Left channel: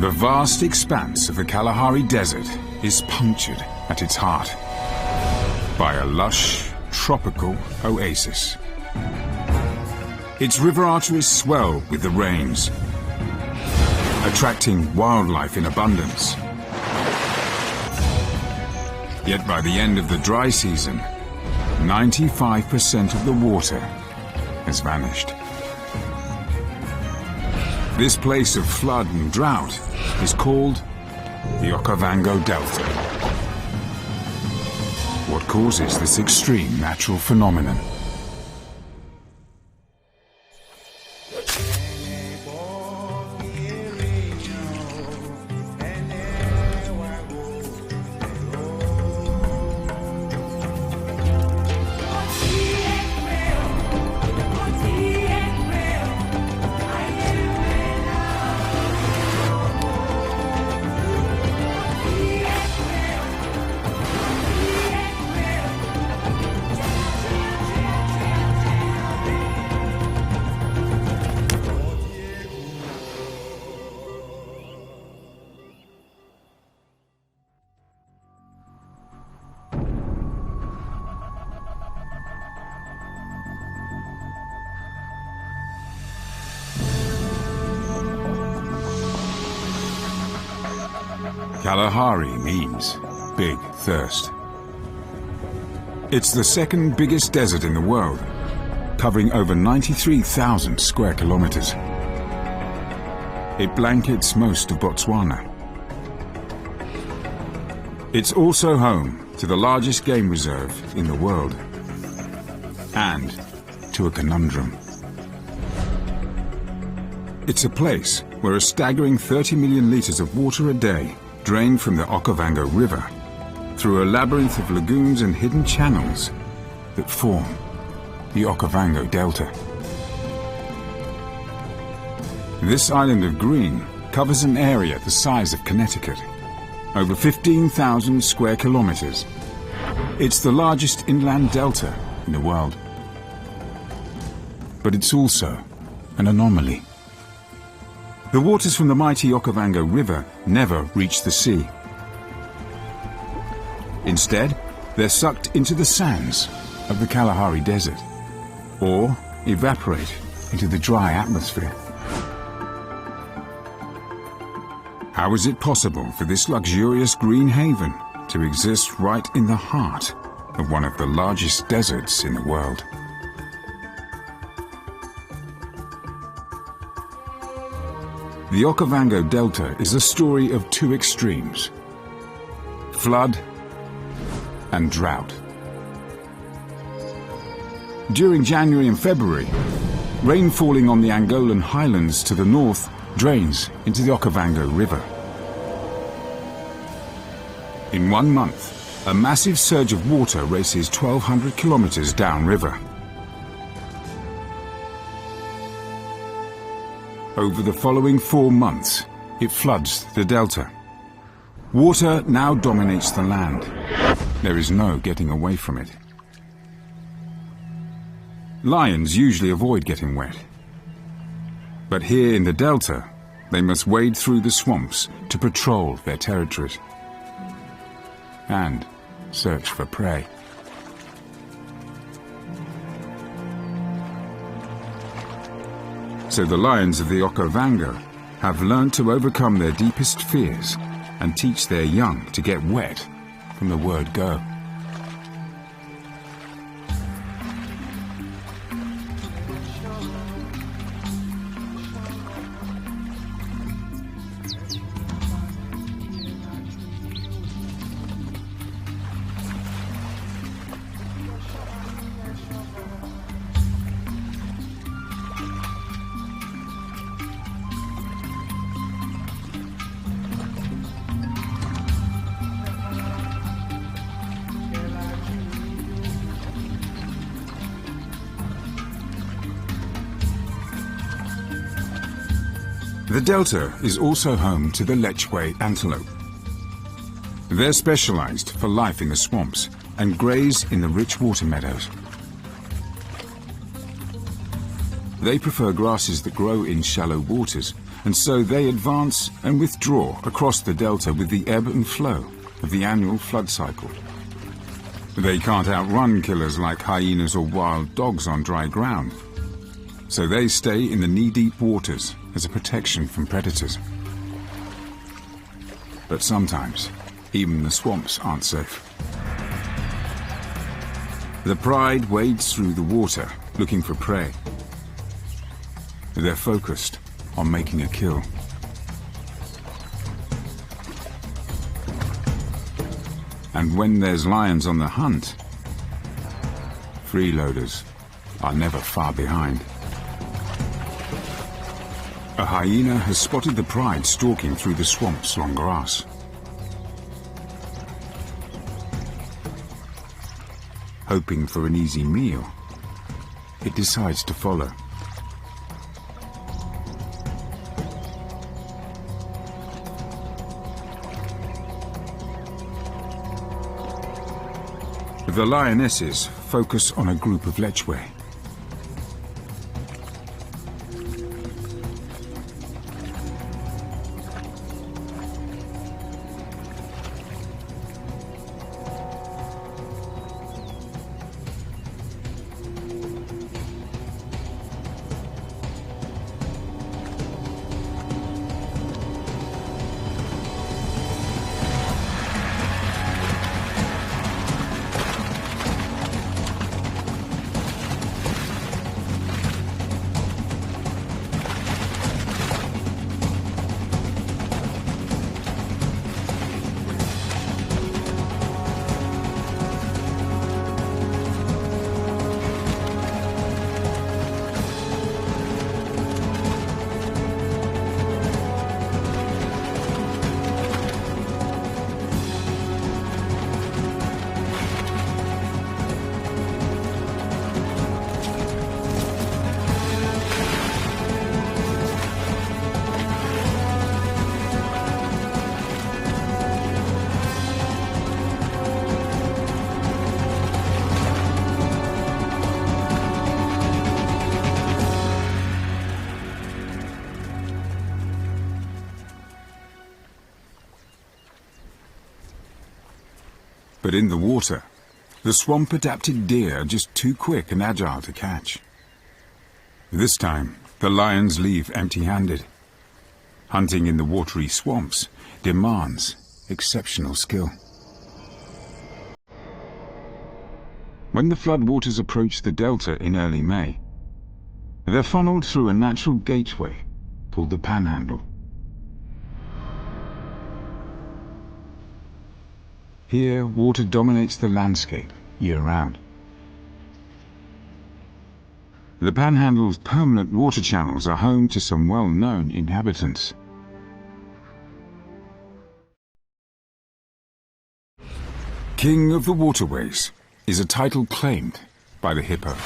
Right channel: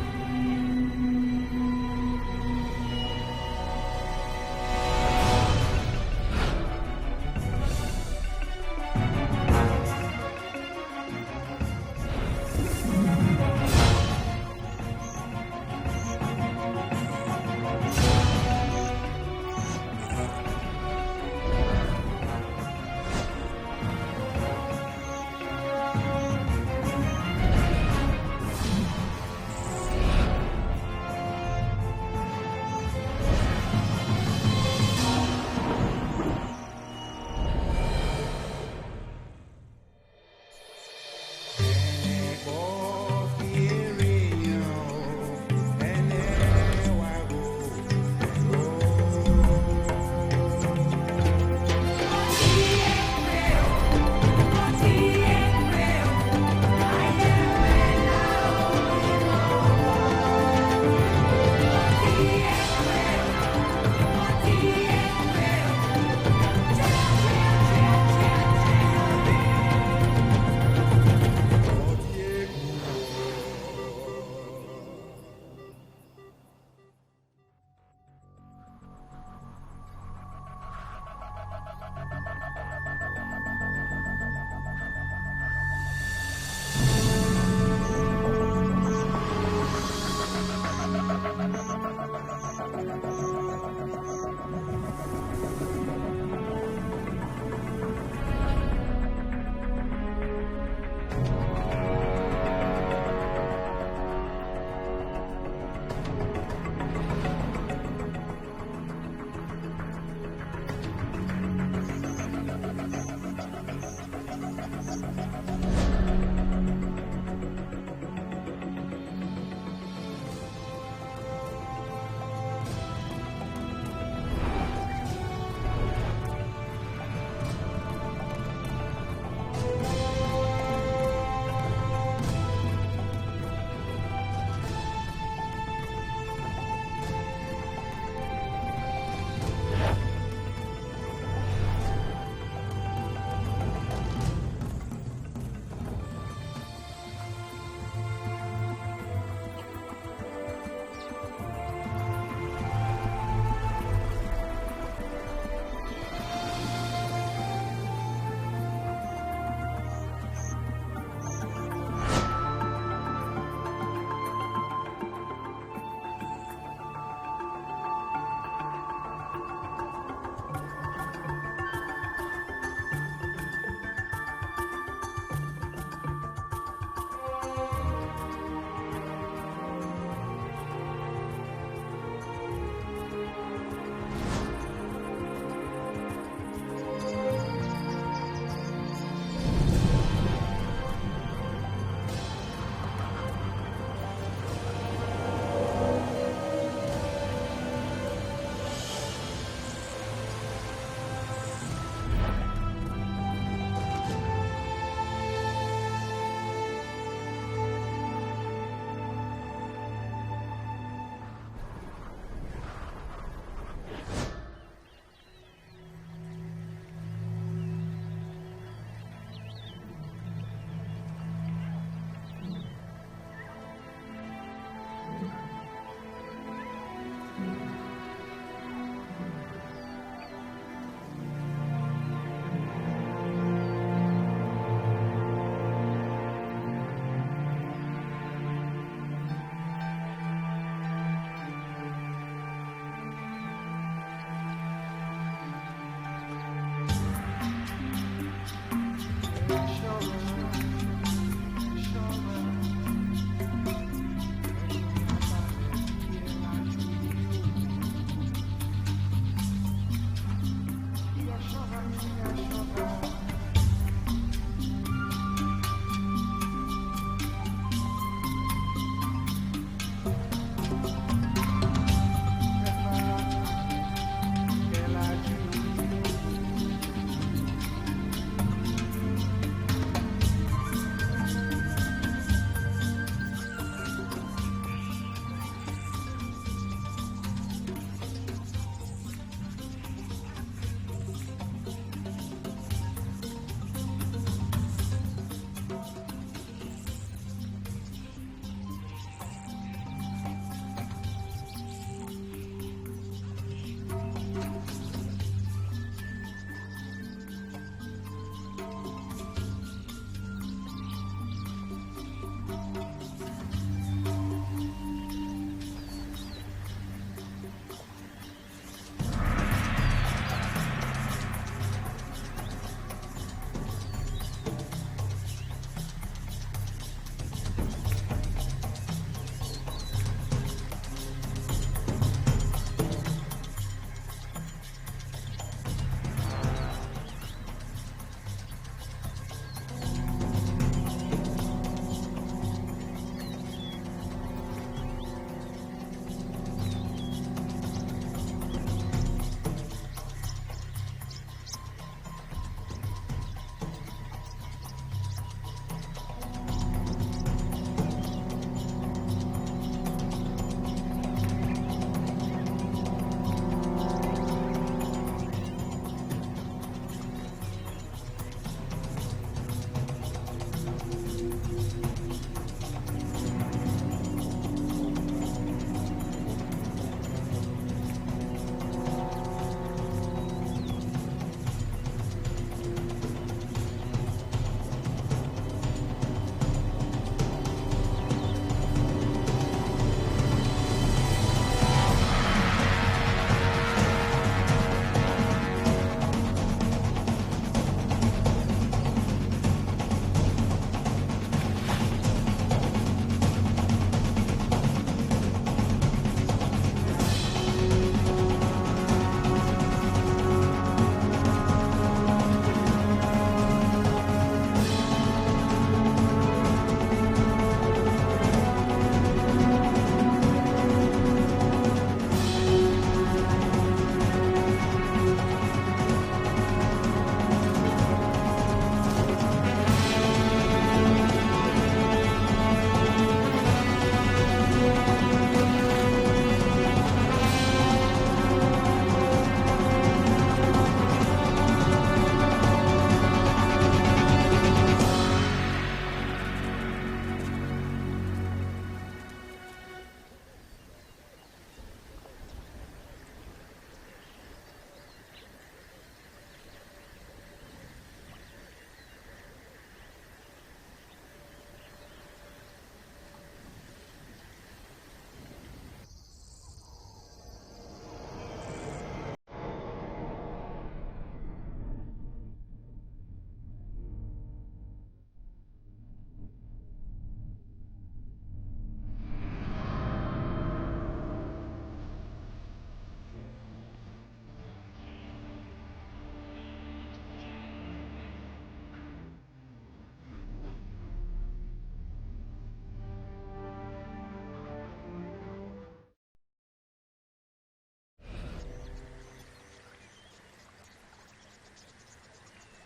The vast expanse of the Kalahari Desert is punctured at its heart by a lush, tropical oasis. Its river arteries swell with the rains, attracting wildlife in abundance. Yet by the end of the dry season, 95% of the water has vanished. This place of flood and drought is called the Okavango Delta. What causes this extreme natural phenomenon? Kalahari means big thirst. It's the second biggest desert in the world, covering over 93,000 square kilometers. It blankets most of Botswana. It's also home to the largest game reserve in the world, and to a conundrum. It's a place where a staggering 30 million liters of water a day drain from the Okavango River through a labyrinth of lagoons and hidden channels that form the Okavango Delta. This island of green covers an area the size of Connecticut, over 15,000 square kilometers. It's the largest inland delta in the world. But it's also an anomaly. The waters from the mighty Okavango River never reach the sea. Instead, they're sucked into the sands of the Kalahari Desert, or evaporate into the dry atmosphere. How is it possible for this luxurious green haven to exist right in the heart of one of the largest deserts in the world? The Okavango Delta is a story of two extremes: flood and drought. During January and February, rain falling on the Angolan highlands to the north drains into the Okavango River. In 1 month, a massive surge of water races 1,200 kilometers downriver. Over the following 4 months, it floods the delta. Water now dominates the land. There is no getting away from it. Lions usually avoid getting wet. But here in the delta, they must wade through the swamps to patrol their territories and search for prey. So the lions of the Okavango have learned to overcome their deepest fears and teach their young to get wet from the word go. The delta is also home to the Lechwe antelope. They're specialized for life in the swamps and graze in the rich water meadows. They prefer grasses that grow in shallow waters and so they advance and withdraw across the delta with the ebb and flow of the annual flood cycle. They can't outrun killers like hyenas or wild dogs on dry ground, so they stay in the knee-deep waters as a protection from predators. But sometimes, even the swamps aren't safe. The pride wades through the water, looking for prey. They're focused on making a kill. And when there's lions on the hunt, freeloaders are never far behind. A hyena has spotted the pride stalking through the swamp's long grass. Hoping for an easy meal, it decides to follow. The lionesses focus on a group of lechwe. But in the water, the swamp-adapted deer are just too quick and agile to catch. This time, the lions leave empty-handed. Hunting in the watery swamps demands exceptional skill. When the floodwaters approach the delta in early May, they're funneled through a natural gateway called the Panhandle. Here, water dominates the landscape year-round. The Panhandle's permanent water channels are home to some well-known inhabitants. King of the Waterways is a title claimed by the hippo.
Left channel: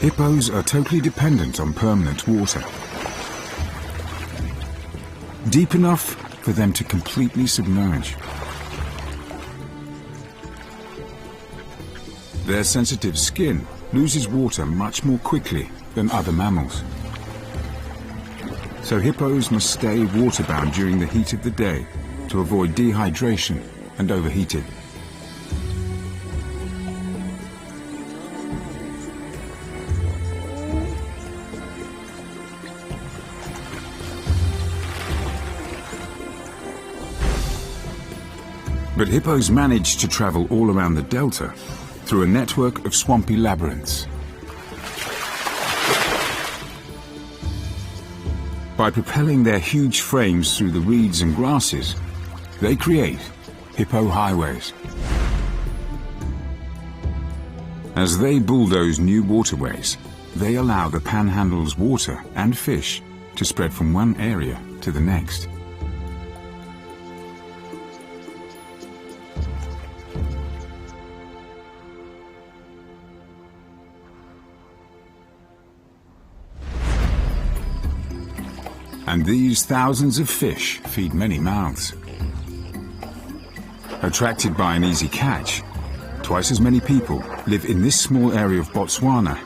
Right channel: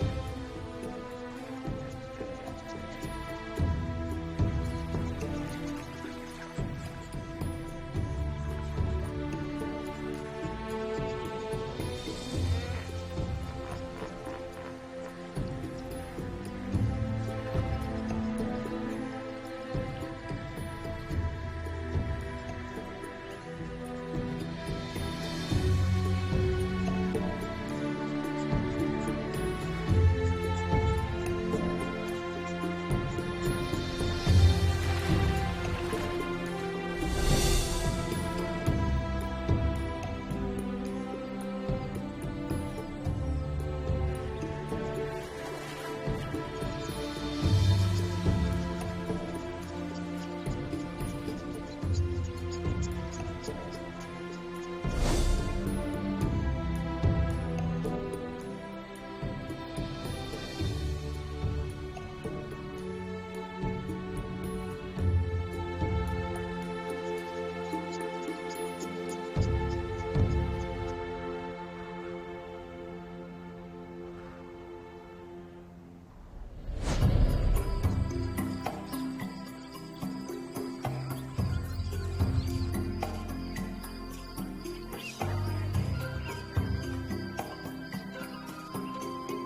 Hippos are totally dependent on permanent water. Deep enough for them to completely submerge. Their sensitive skin loses water much more quickly than other mammals. So hippos must stay waterbound during the heat of the day to avoid dehydration and overheating. But hippos manage to travel all around the delta through a network of swampy labyrinths. By propelling their huge frames through the reeds and grasses, they create hippo highways. As they bulldoze new waterways, they allow the Panhandle's water and fish to spread from one area to the next. And these thousands of fish feed many mouths. Attracted by an easy catch, twice as many people live in this small area of Botswana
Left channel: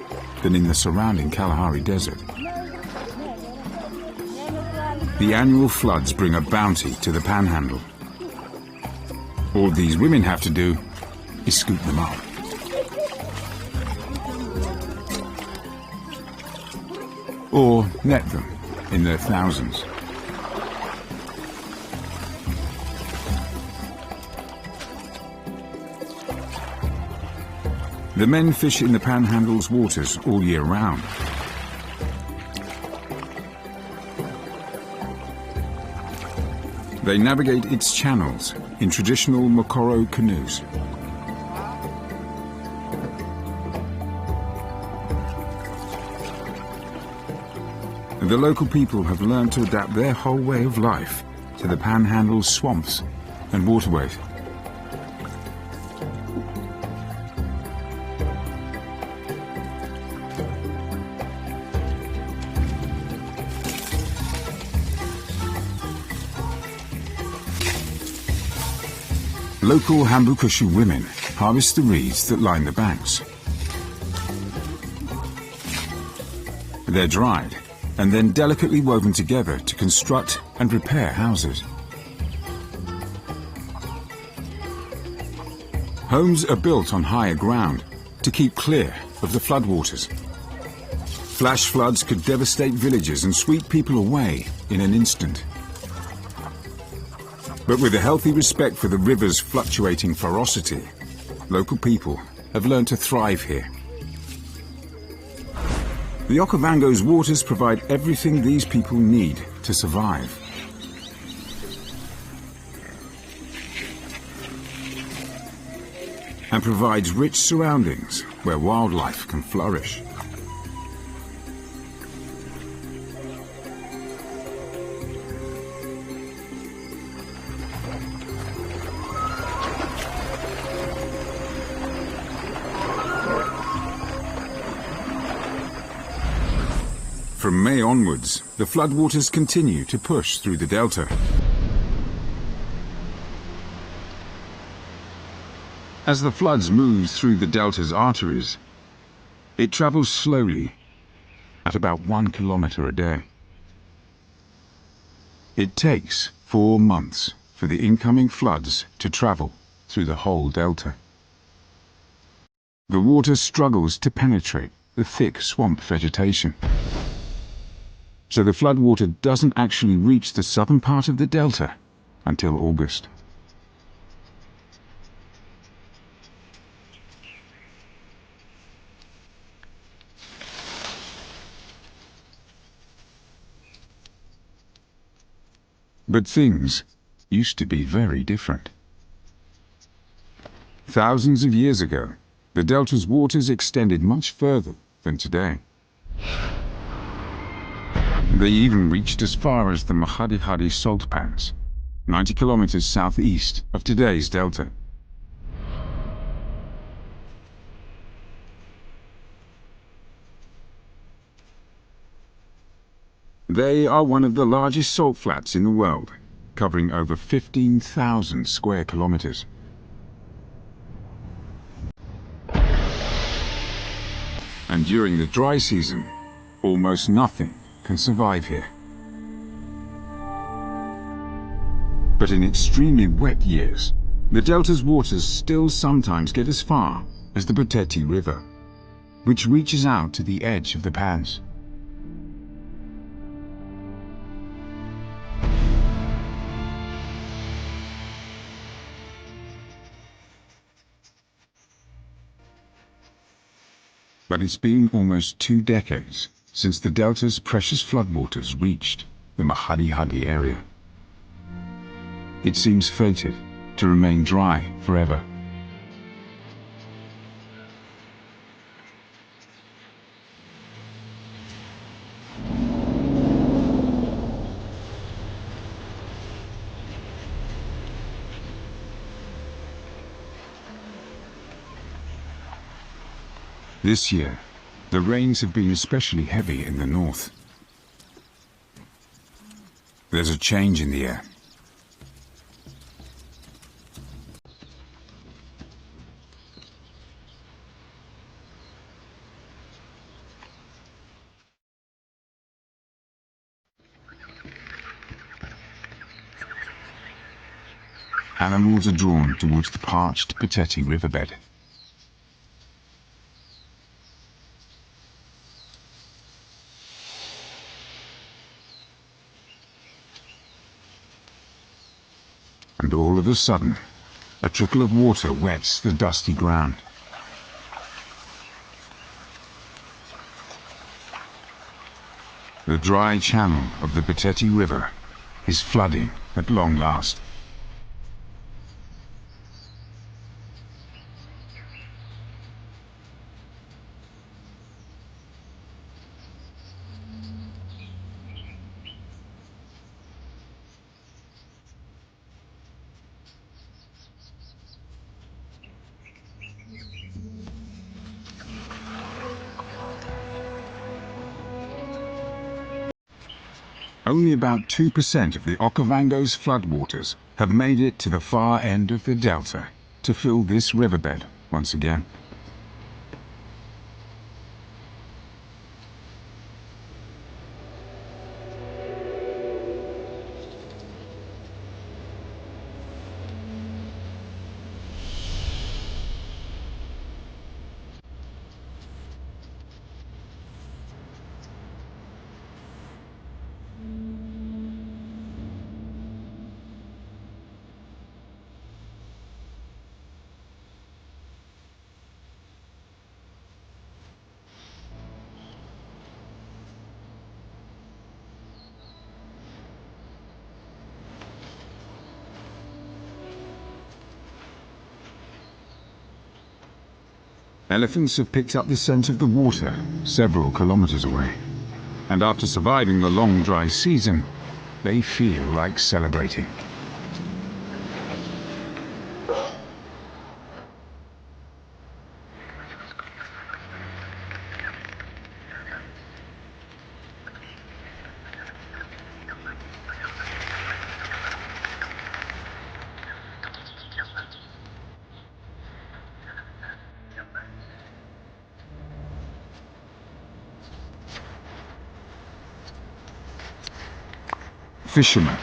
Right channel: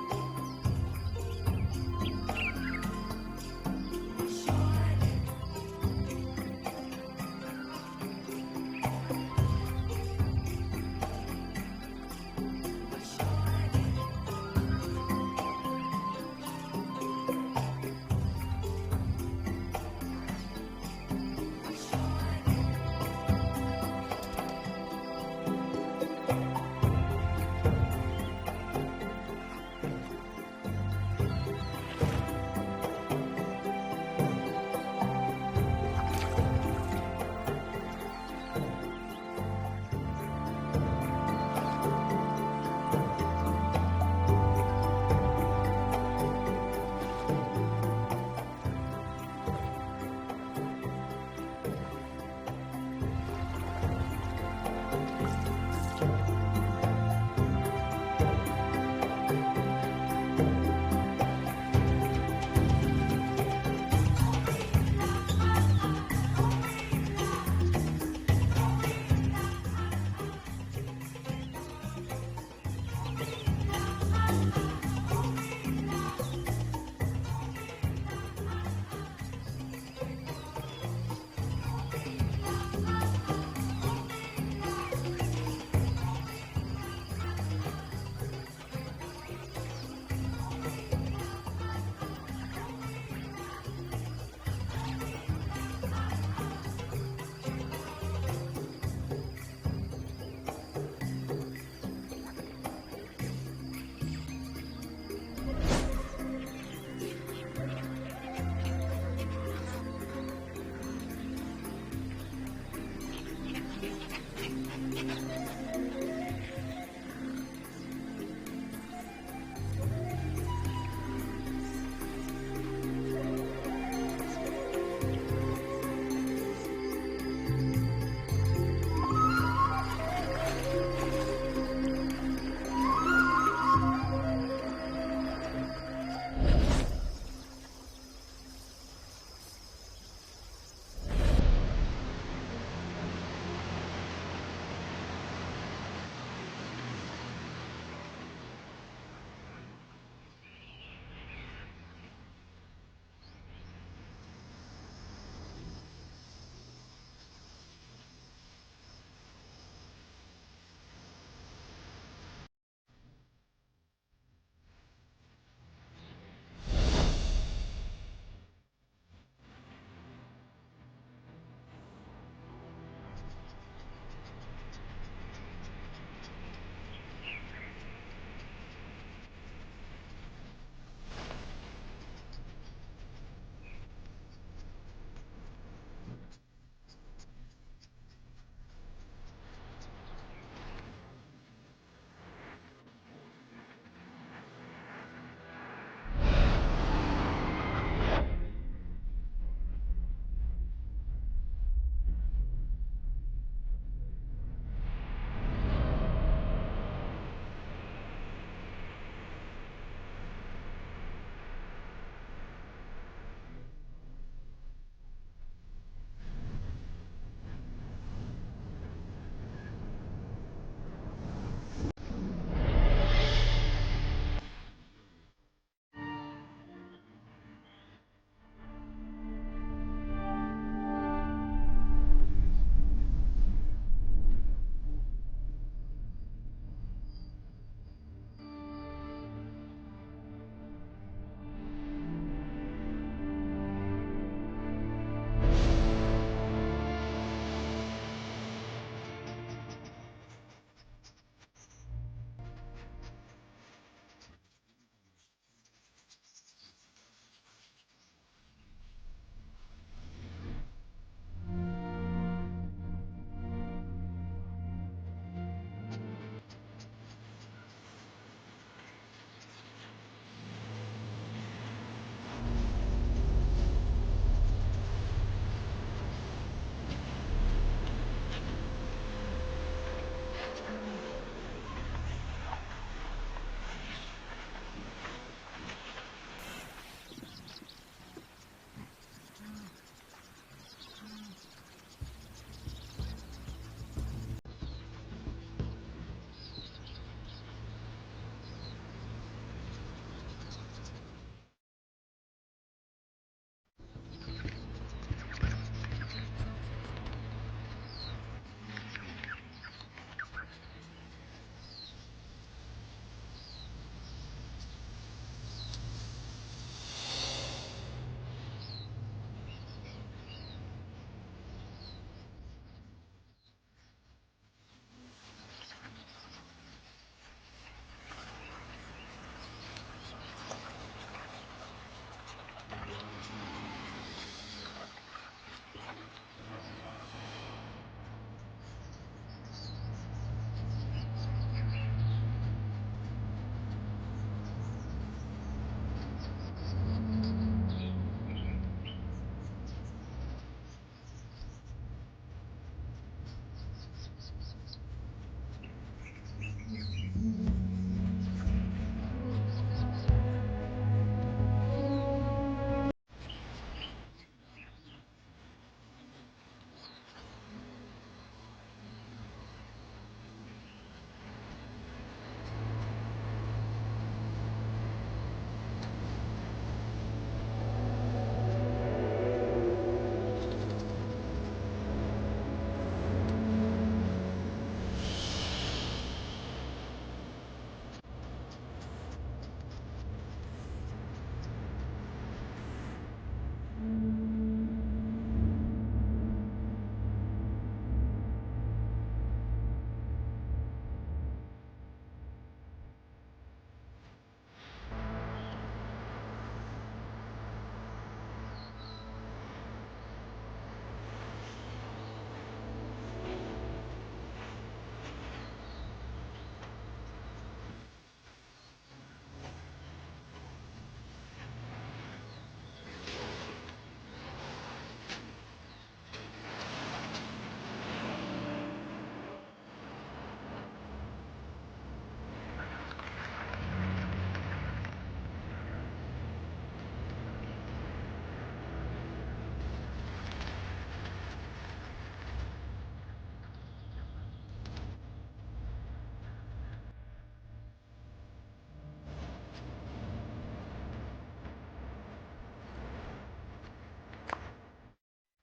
than in the surrounding Kalahari Desert. The annual floods bring a bounty to the Panhandle. All these women have to do is scoop them up. Or net them in their thousands. The men fish in the Panhandle's waters all year round. They navigate its channels in traditional Mokoro canoes. The local people have learned to adapt their whole way of life to the Panhandle's swamps and waterways. Local Hambukushu women harvest the reeds that line the banks. They're dried and then delicately woven together to construct and repair houses. Homes are built on higher ground to keep clear of the floodwaters. Flash floods could devastate villages and sweep people away in an instant. But with a healthy respect for the river's fluctuating ferocity, local people have learned to thrive here. The Okavango's waters provide everything these people need to survive. And provides rich surroundings where wildlife can flourish. From May onwards, the floodwaters continue to push through the delta. As the floods move through the delta's arteries, it travels slowly at about 1 kilometer a day. It takes 4 months for the incoming floods to travel through the whole delta. The water struggles to penetrate the thick swamp vegetation. So the floodwater doesn't actually reach the southern part of the delta until August. But things used to be very different. Thousands of years ago, the delta's waters extended much further than today. They even reached as far as the Mahadi salt pans, 90 kilometers southeast of today's delta. They are one of the largest salt flats in the world, covering over 15,000 square kilometers. And during the dry season, almost nothing can survive here. But in extremely wet years, the delta's waters still sometimes get as far as the Perpetual River, which reaches out to the edge of the pans. But it's been almost 2 decades since the delta's precious floodwaters reached the Mahadi area. It seems fated to remain dry forever. This year, the rains have been especially heavy in the north. There's a change in the air. Animals are drawn towards the parched Pateti riverbed. And all of a sudden, a trickle of water wets the dusty ground. The dry channel of the Pateti River is flooding at long last. Only about 2% of the Okavango's floodwaters have made it to the far end of the delta to fill this riverbed once again. Elephants have picked up the scent of the water several kilometers away. And after surviving the long dry season, they feel like celebrating. Fishermen,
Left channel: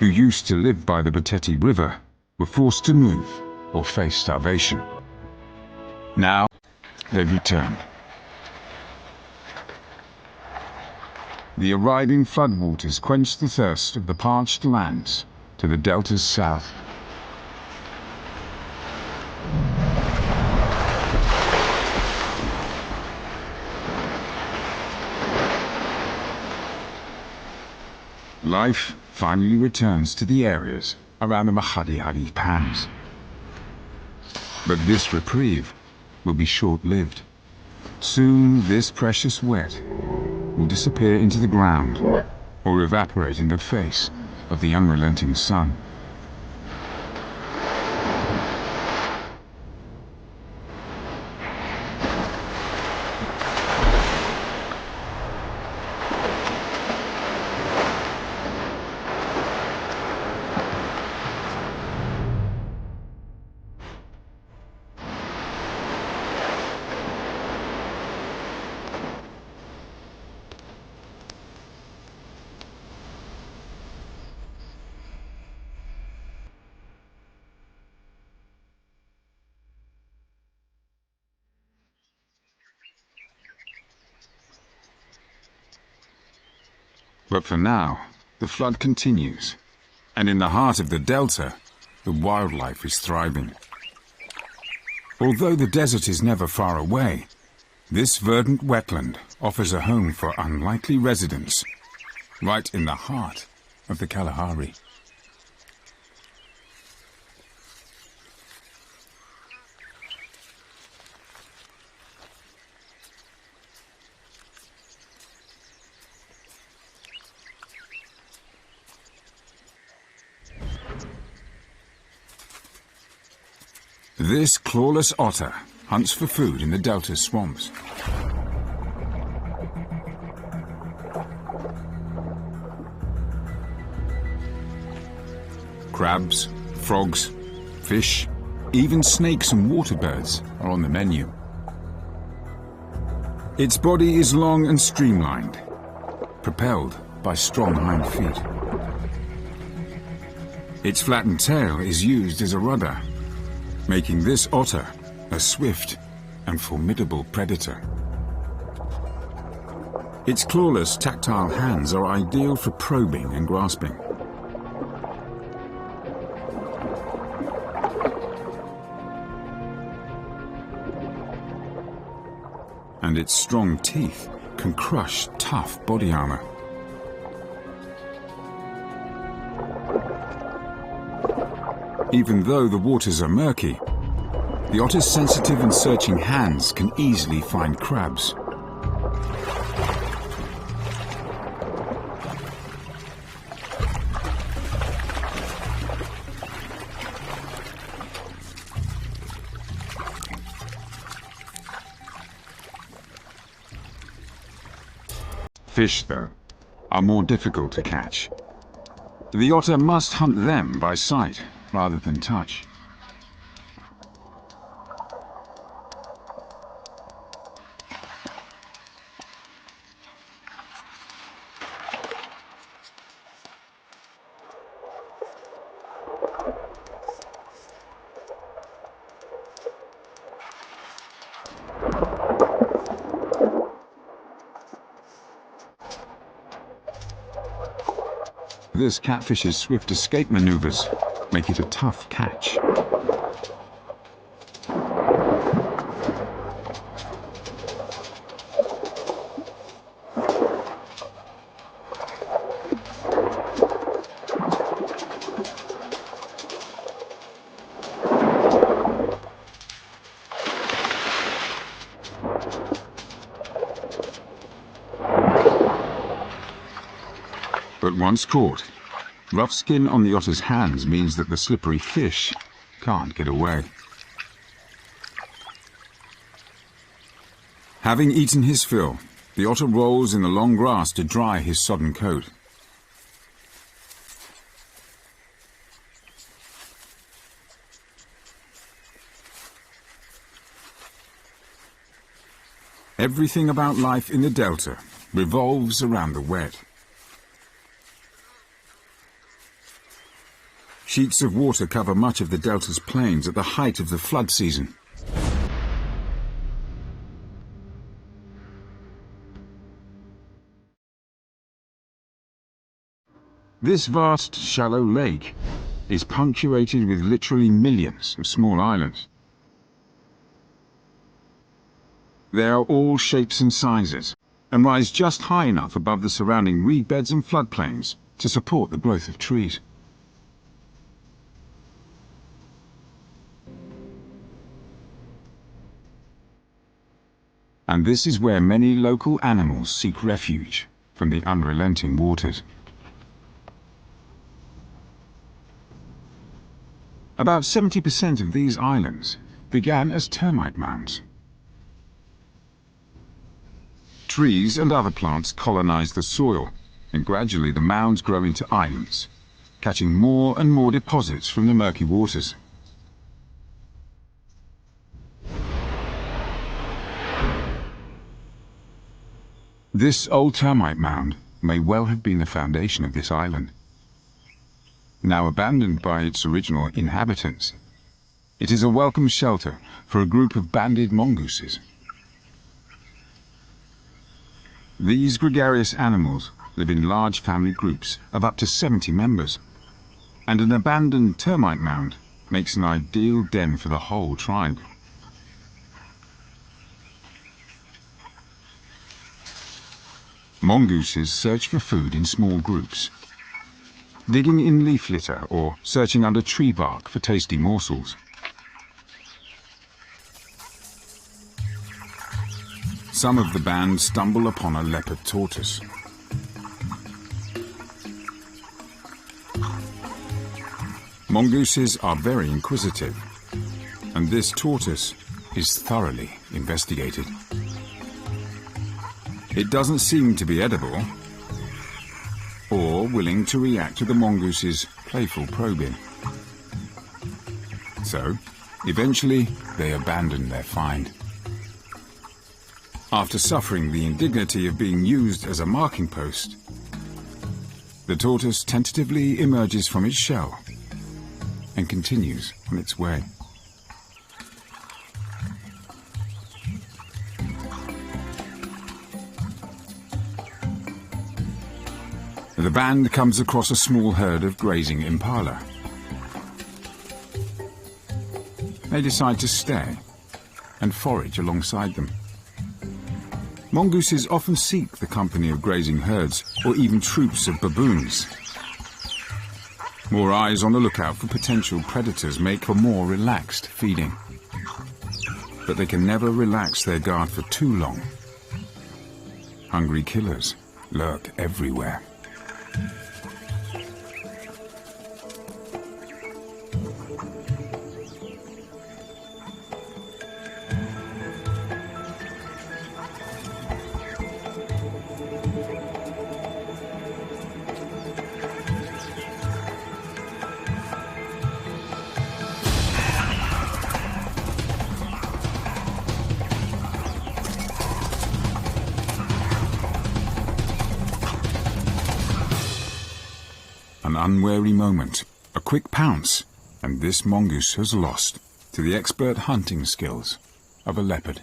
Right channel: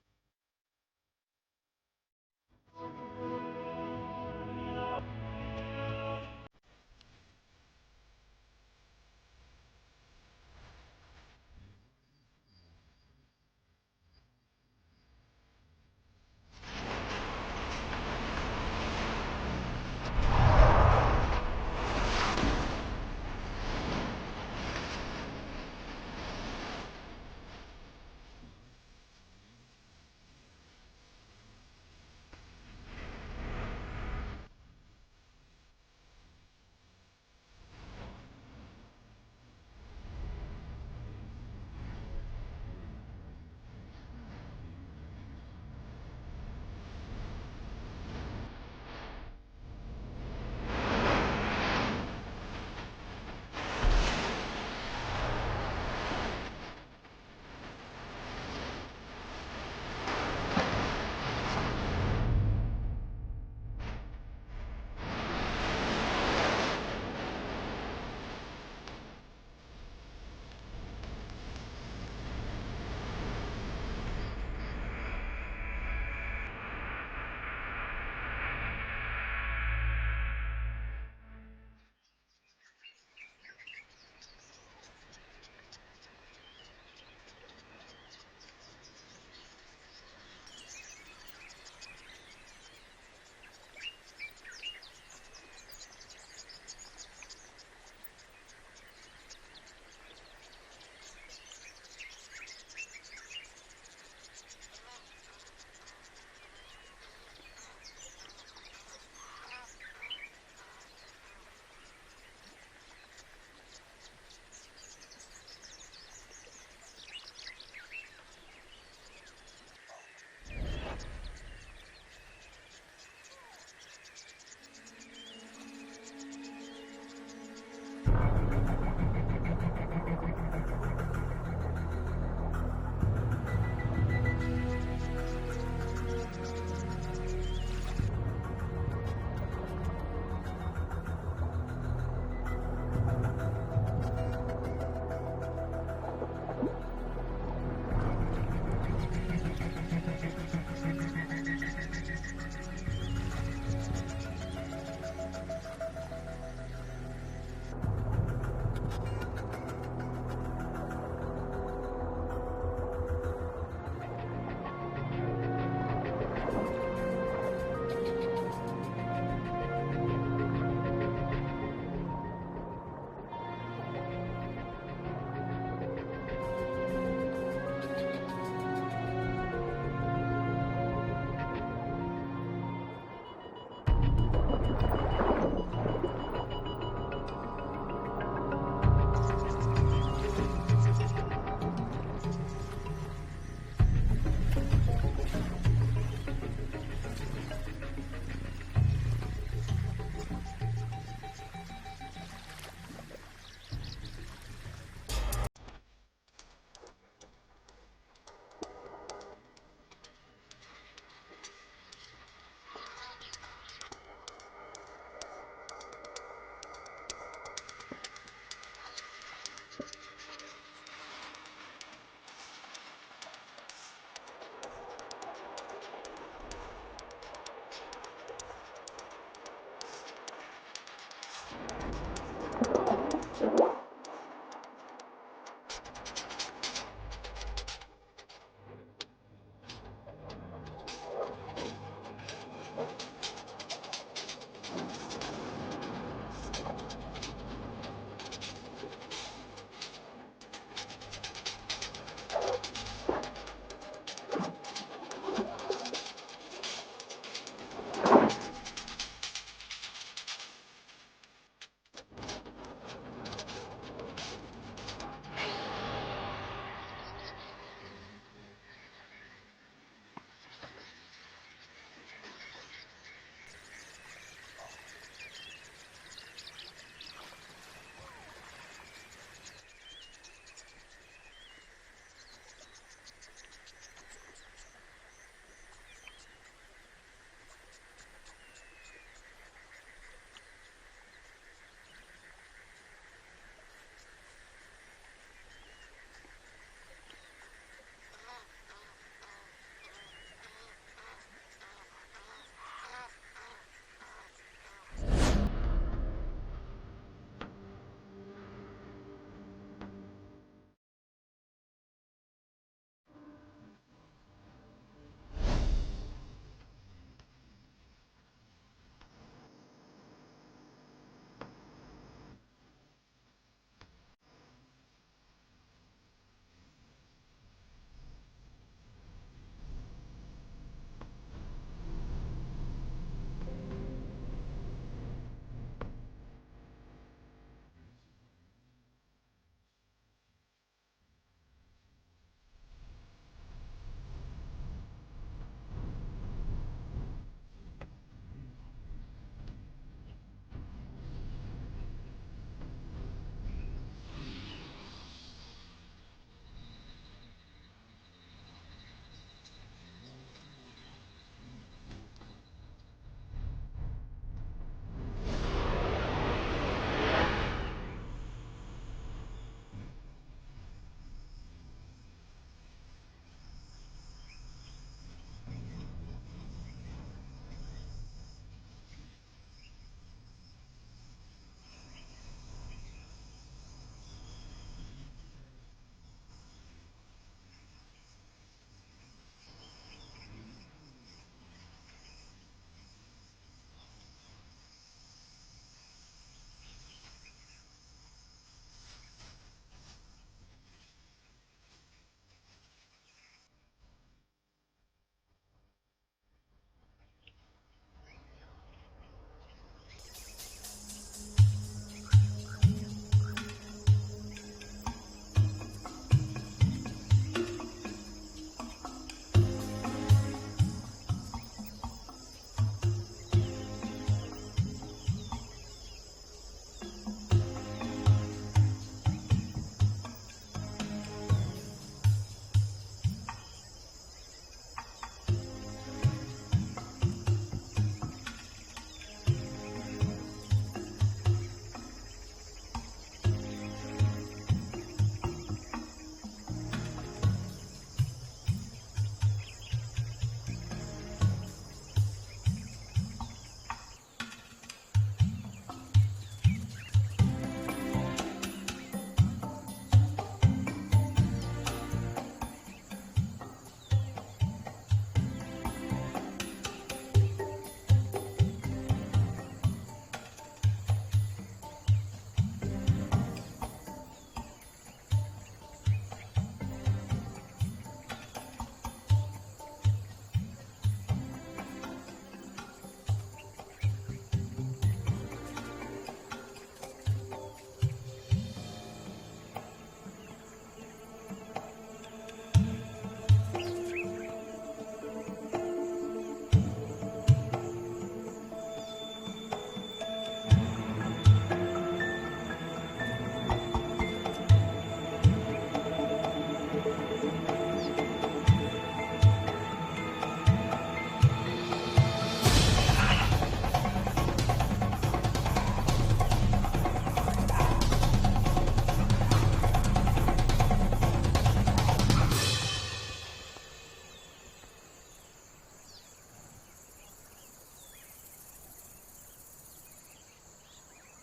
who used to live by the Pateti River, were forced to move or face starvation. Now, they've returned. The arriving floodwaters quenched the thirst of the parched lands to the delta's south. Life finally returns to the areas around the Kalahari pans. But this reprieve will be short-lived. Soon this precious wet will disappear into the ground or evaporate in the face of the unrelenting sun. But for now, the flood continues, and in the heart of the delta, the wildlife is thriving. Although the desert is never far away, this verdant wetland offers a home for unlikely residents, right in the heart of the Kalahari. This clawless otter hunts for food in the delta's swamps. Crabs, frogs, fish, even snakes and water birds are on the menu. Its body is long and streamlined, propelled by strong hind feet. Its flattened tail is used as a rudder, making this otter a swift and formidable predator. Its clawless, tactile hands are ideal for probing and grasping. And its strong teeth can crush tough body armor. Even though the waters are murky, the otter's sensitive and searching hands can easily find crabs. Fish, though, are more difficult to catch. The otter must hunt them by sight rather than touch. This catfish's swift escape maneuvers make it a tough catch. But once caught, rough skin on the otter's hands means that the slippery fish can't get away. Having eaten his fill, the otter rolls in the long grass to dry his sodden coat. Everything about life in the delta revolves around the wet. Sheets of water cover much of the delta's plains at the height of the flood season. This vast, shallow lake is punctuated with literally millions of small islands. They are all shapes and sizes, and rise just high enough above the surrounding reed beds and floodplains to support the growth of trees. And this is where many local animals seek refuge from the unrelenting waters. About 70% of these islands began as termite mounds. Trees and other plants colonize the soil, and gradually the mounds grow into islands, catching more and more deposits from the murky waters. This old termite mound may well have been the foundation of this island. Now abandoned by its original inhabitants, it is a welcome shelter for a group of banded mongooses. These gregarious animals live in large family groups of up to 70 members, and an abandoned termite mound makes an ideal den for the whole tribe. Mongooses search for food in small groups, digging in leaf litter or searching under tree bark for tasty morsels. Some of the band stumble upon a leopard tortoise. Mongooses are very inquisitive, and this tortoise is thoroughly investigated. It doesn't seem to be edible or willing to react to the mongoose's playful probing. So, eventually, they abandon their find. After suffering the indignity of being used as a marking post, the tortoise tentatively emerges from its shell and continues on its way. The band comes across a small herd of grazing impala. They decide to stay and forage alongside them. Mongooses often seek the company of grazing herds or even troops of baboons. More eyes on the lookout for potential predators make for more relaxed feeding. But they can never relax their guard for too long. Hungry killers lurk everywhere. An unwary moment, a quick pounce, and this mongoose has lost to the expert hunting skills of a leopard.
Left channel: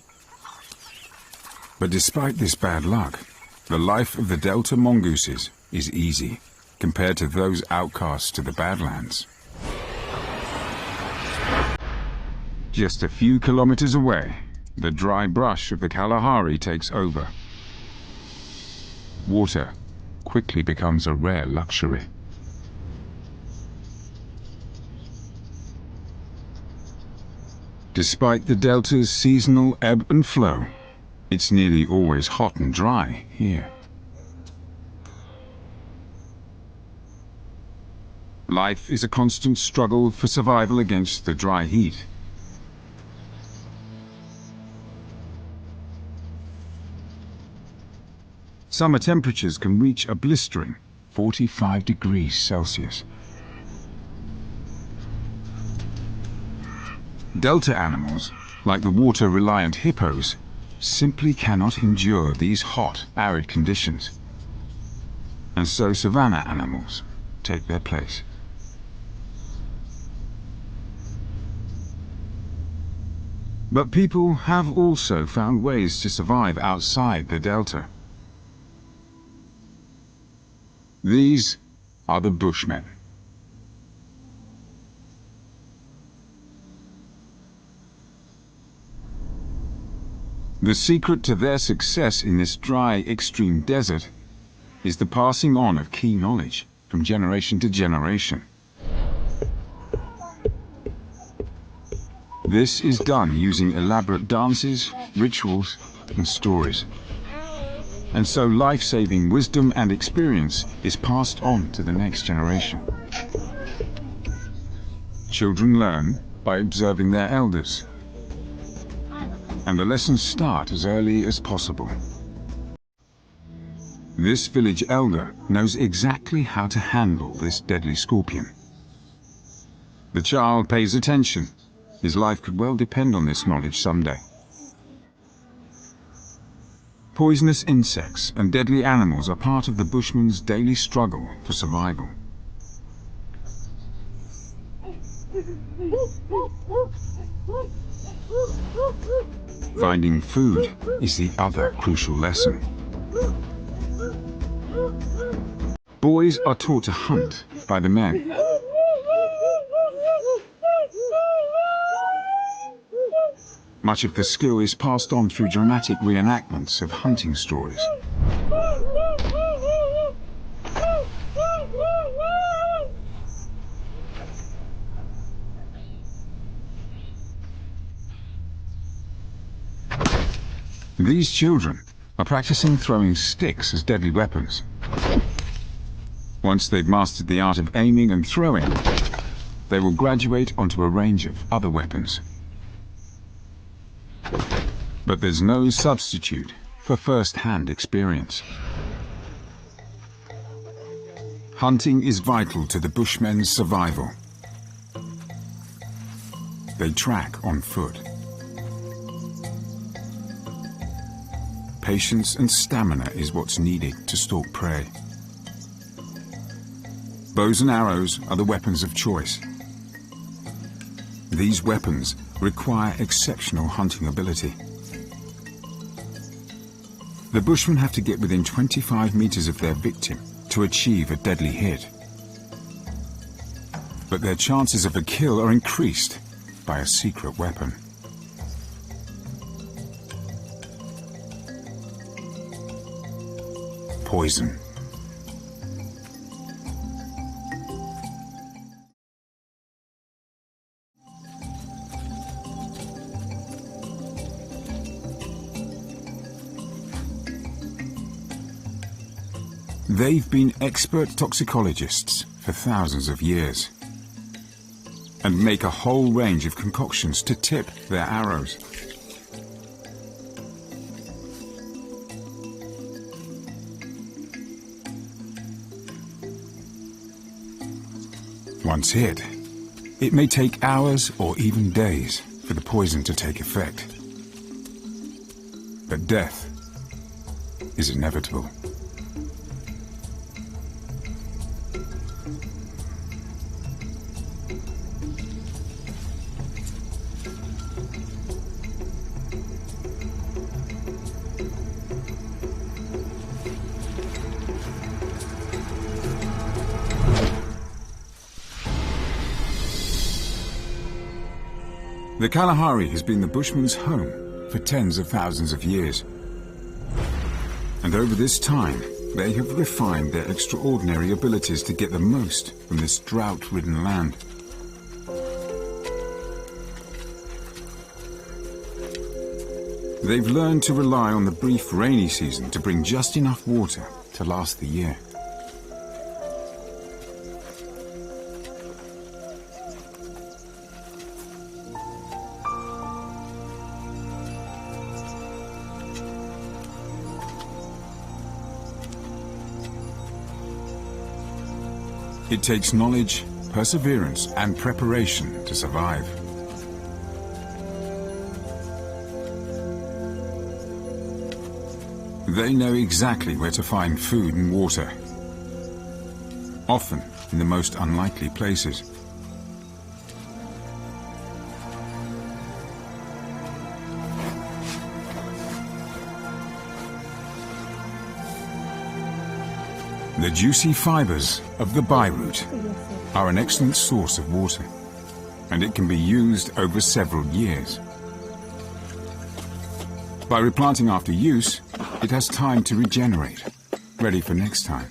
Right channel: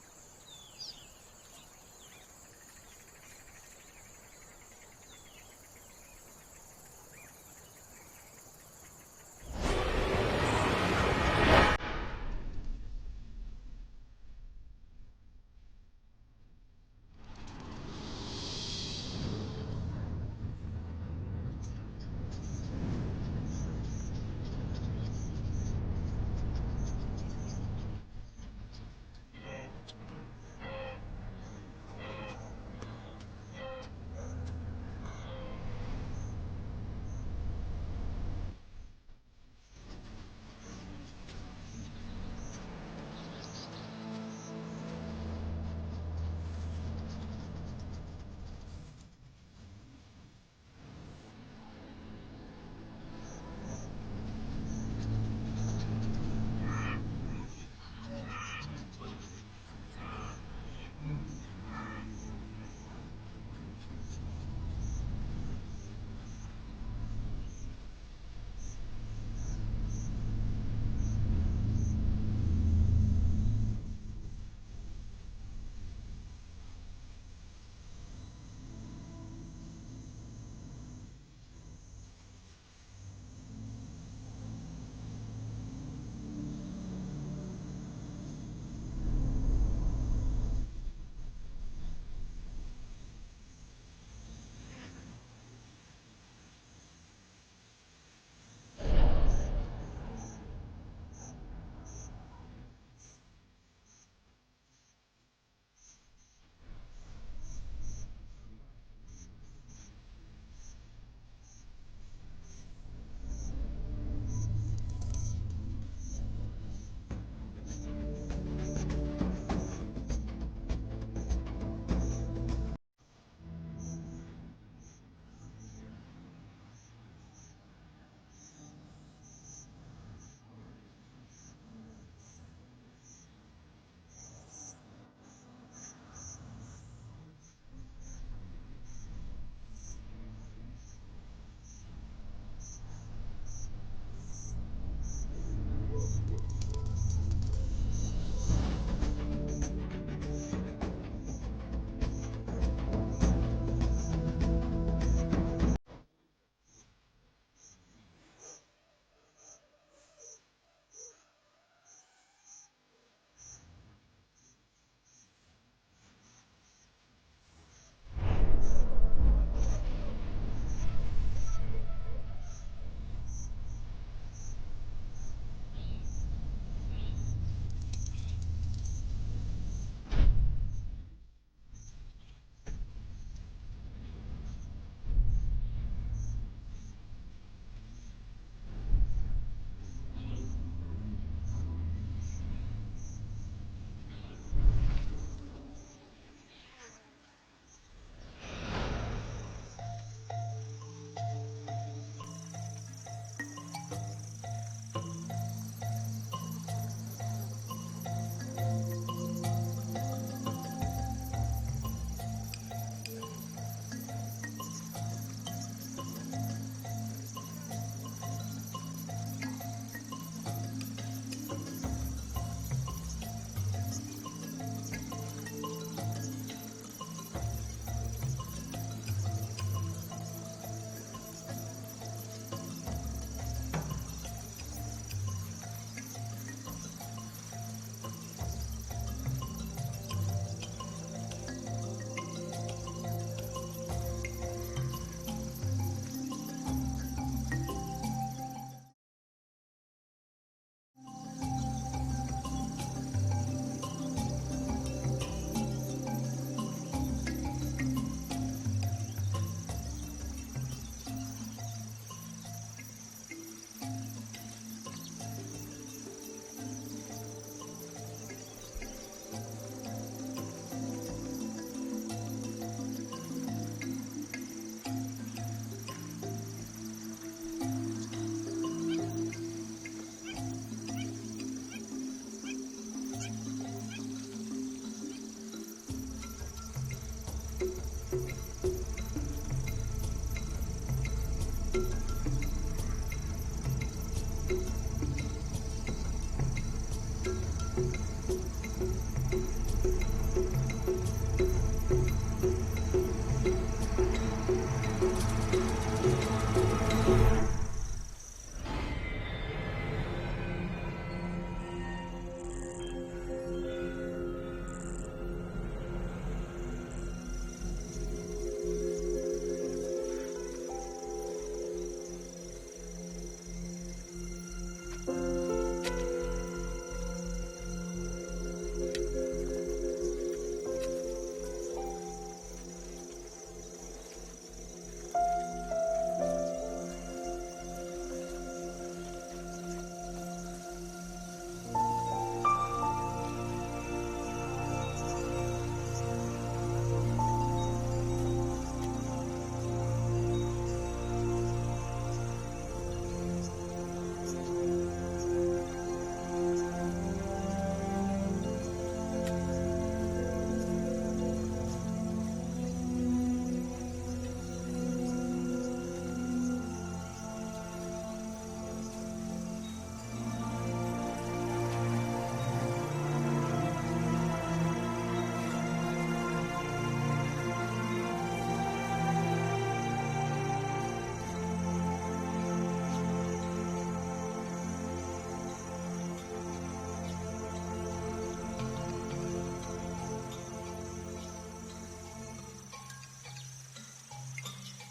But despite this bad luck, the life of the Delta mongooses is easy compared to those outcasts to the Badlands. Just a few kilometers away, the dry brush of the Kalahari takes over. Water quickly becomes a rare luxury. Despite the delta's seasonal ebb and flow, it's nearly always hot and dry here. Life is a constant struggle for survival against the dry heat. Summer temperatures can reach a blistering 45 degrees Celsius. Delta animals, like the water-reliant hippos, simply cannot endure these hot, arid conditions. And so savanna animals take their place. But people have also found ways to survive outside the delta. These are the Bushmen. The secret to their success in this dry, extreme desert is the passing on of key knowledge from generation to generation. This is done using elaborate dances, rituals, and stories. And so life-saving wisdom and experience is passed on to the next generation. Children learn by observing their elders. And the lessons start as early as possible. This village elder knows exactly how to handle this deadly scorpion. The child pays attention. His life could well depend on this knowledge someday. Poisonous insects and deadly animals are part of the Bushman's daily struggle for survival. Finding food is the other crucial lesson. Boys are taught to hunt by the men. Much of the skill is passed on through dramatic reenactments of hunting stories. These children are practicing throwing sticks as deadly weapons. Once they've mastered the art of aiming and throwing, they will graduate onto a range of other weapons. But there's no substitute for first-hand experience. Hunting is vital to the Bushmen's survival. They track on foot. Patience and stamina is what's needed to stalk prey. Bows and arrows are the weapons of choice. These weapons require exceptional hunting ability. The Bushmen have to get within 25 meters of their victim to achieve a deadly hit. But their chances of a kill are increased by a secret weapon. Poison. They've been expert toxicologists for thousands of years and make a whole range of concoctions to tip their arrows. Once hit, it may take hours or even days for the poison to take effect. But death is inevitable. The Kalahari has been the Bushmen's home for tens of thousands of years. And over this time, they have refined their extraordinary abilities to get the most from this drought-ridden land. They've learned to rely on the brief rainy season to bring just enough water to last the year. It takes knowledge, perseverance, and preparation to survive. They know exactly where to find food and water, often in the most unlikely places. The juicy fibers of the byroot are an excellent source of water, and it can be used over several years. By replanting after use, it has time to regenerate, ready for next time.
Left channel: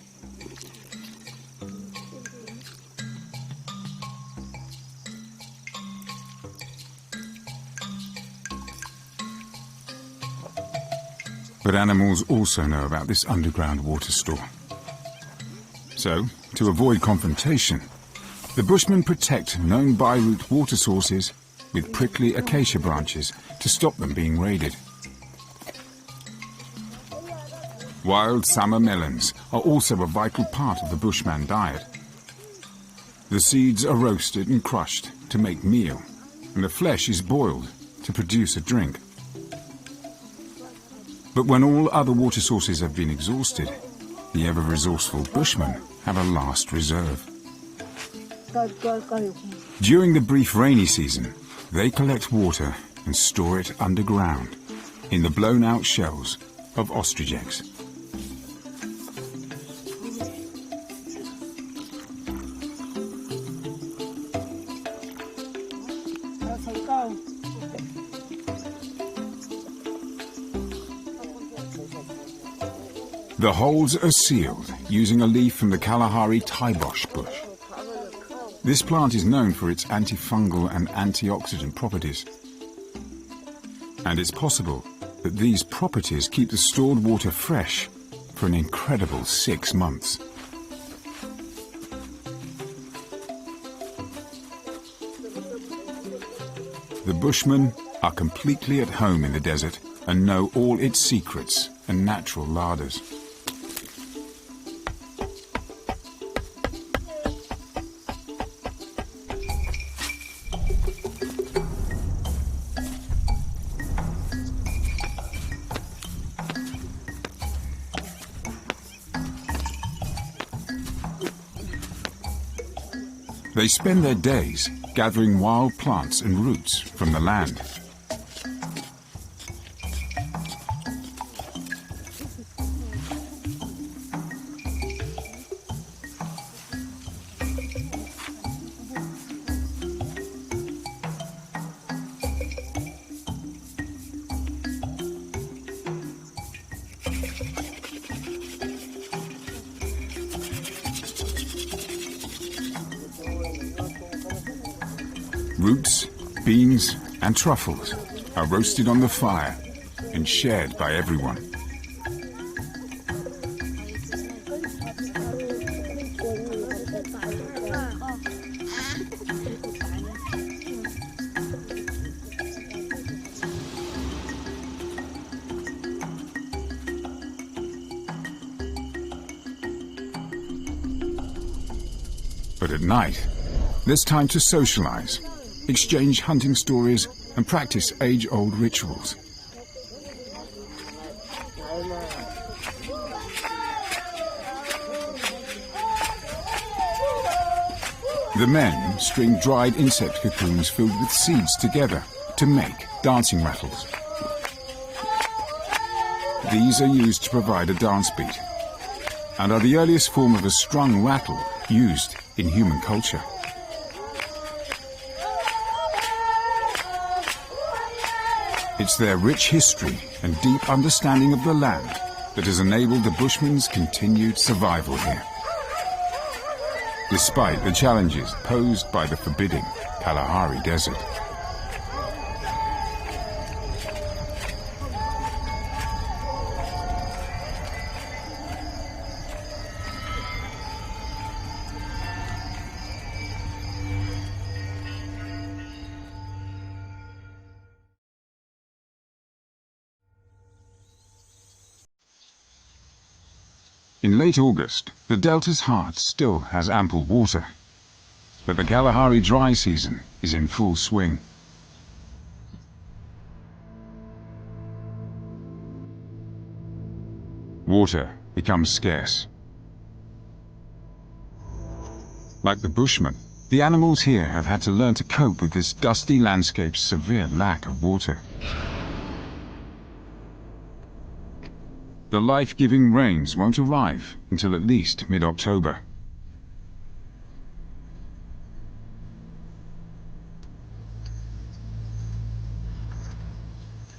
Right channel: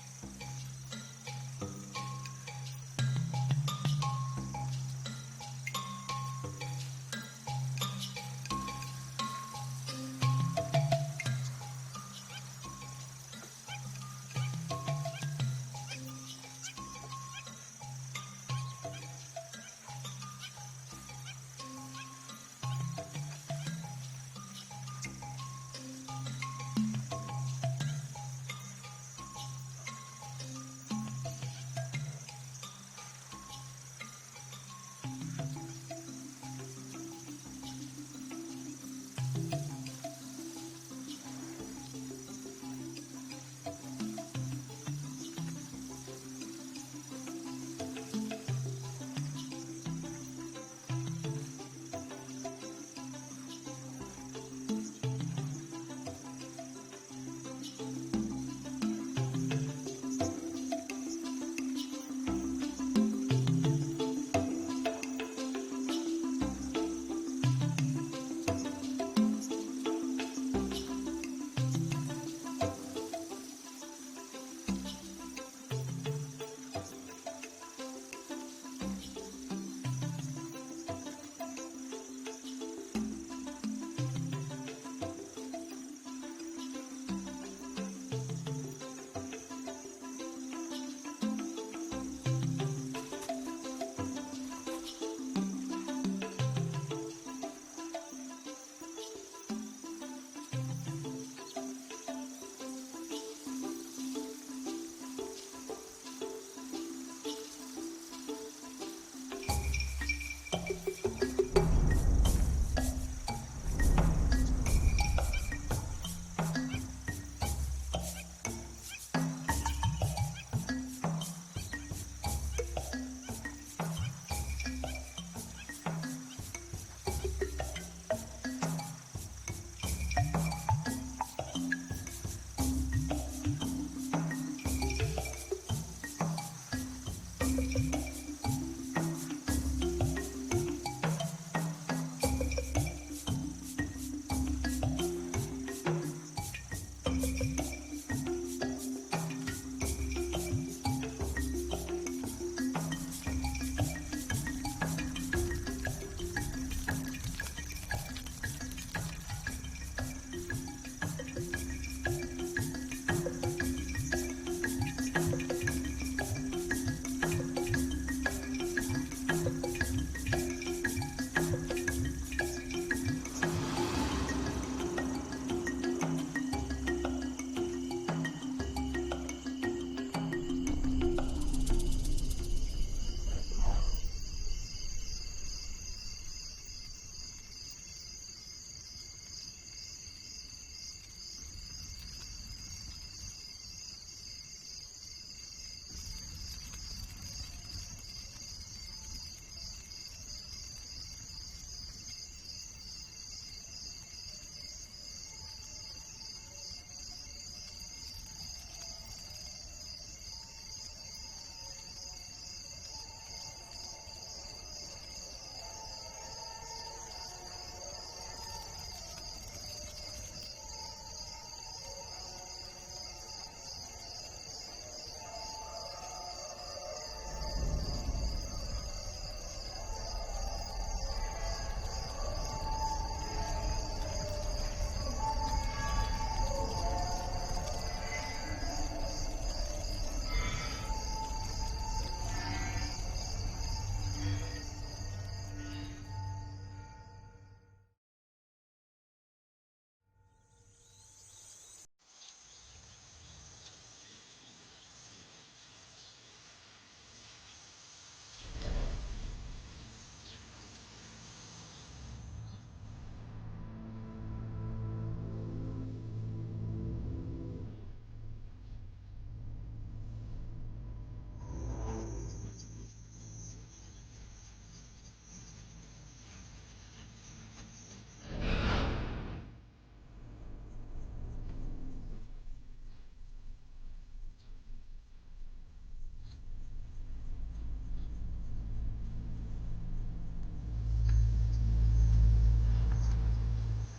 But animals also know about this underground water store. So, to avoid confrontation, the Bushmen protect known byroot water sources with prickly acacia branches to stop them being raided. Wild summer melons are also a vital part of the Bushman diet. The seeds are roasted and crushed to make meal, and the flesh is boiled to produce a drink. But when all other water sources have been exhausted, the ever-resourceful Bushmen have a last reserve. During the brief rainy season, they collect water and store it underground in the blown-out shells of ostrich eggs. The holes are sealed using a leaf from the Kalahari taibosh bush. This plant is known for its antifungal and antioxidant properties. And it's possible that these properties keep the stored water fresh for an incredible 6 months. The Bushmen are completely at home in the desert and know all its secrets and natural larders. They spend their days gathering wild plants and roots from the land. Roots, beans, and truffles are roasted on the fire and shared by everyone. But at night, there's time to socialize, exchange hunting stories, and practice age-old rituals. The men string dried insect cocoons filled with seeds together to make dancing rattles. These are used to provide a dance beat, and are the earliest form of a strung rattle used in human culture. It's their rich history and deep understanding of the land that has enabled the Bushmen's continued survival here, despite the challenges posed by the forbidding Kalahari Desert. In late August, the delta's heart still has ample water, but the Kalahari dry season is in full swing. Water becomes scarce. Like the Bushmen, the animals here have had to learn to cope with this dusty landscape's severe lack of water. The life-giving rains won't arrive until at least mid-October.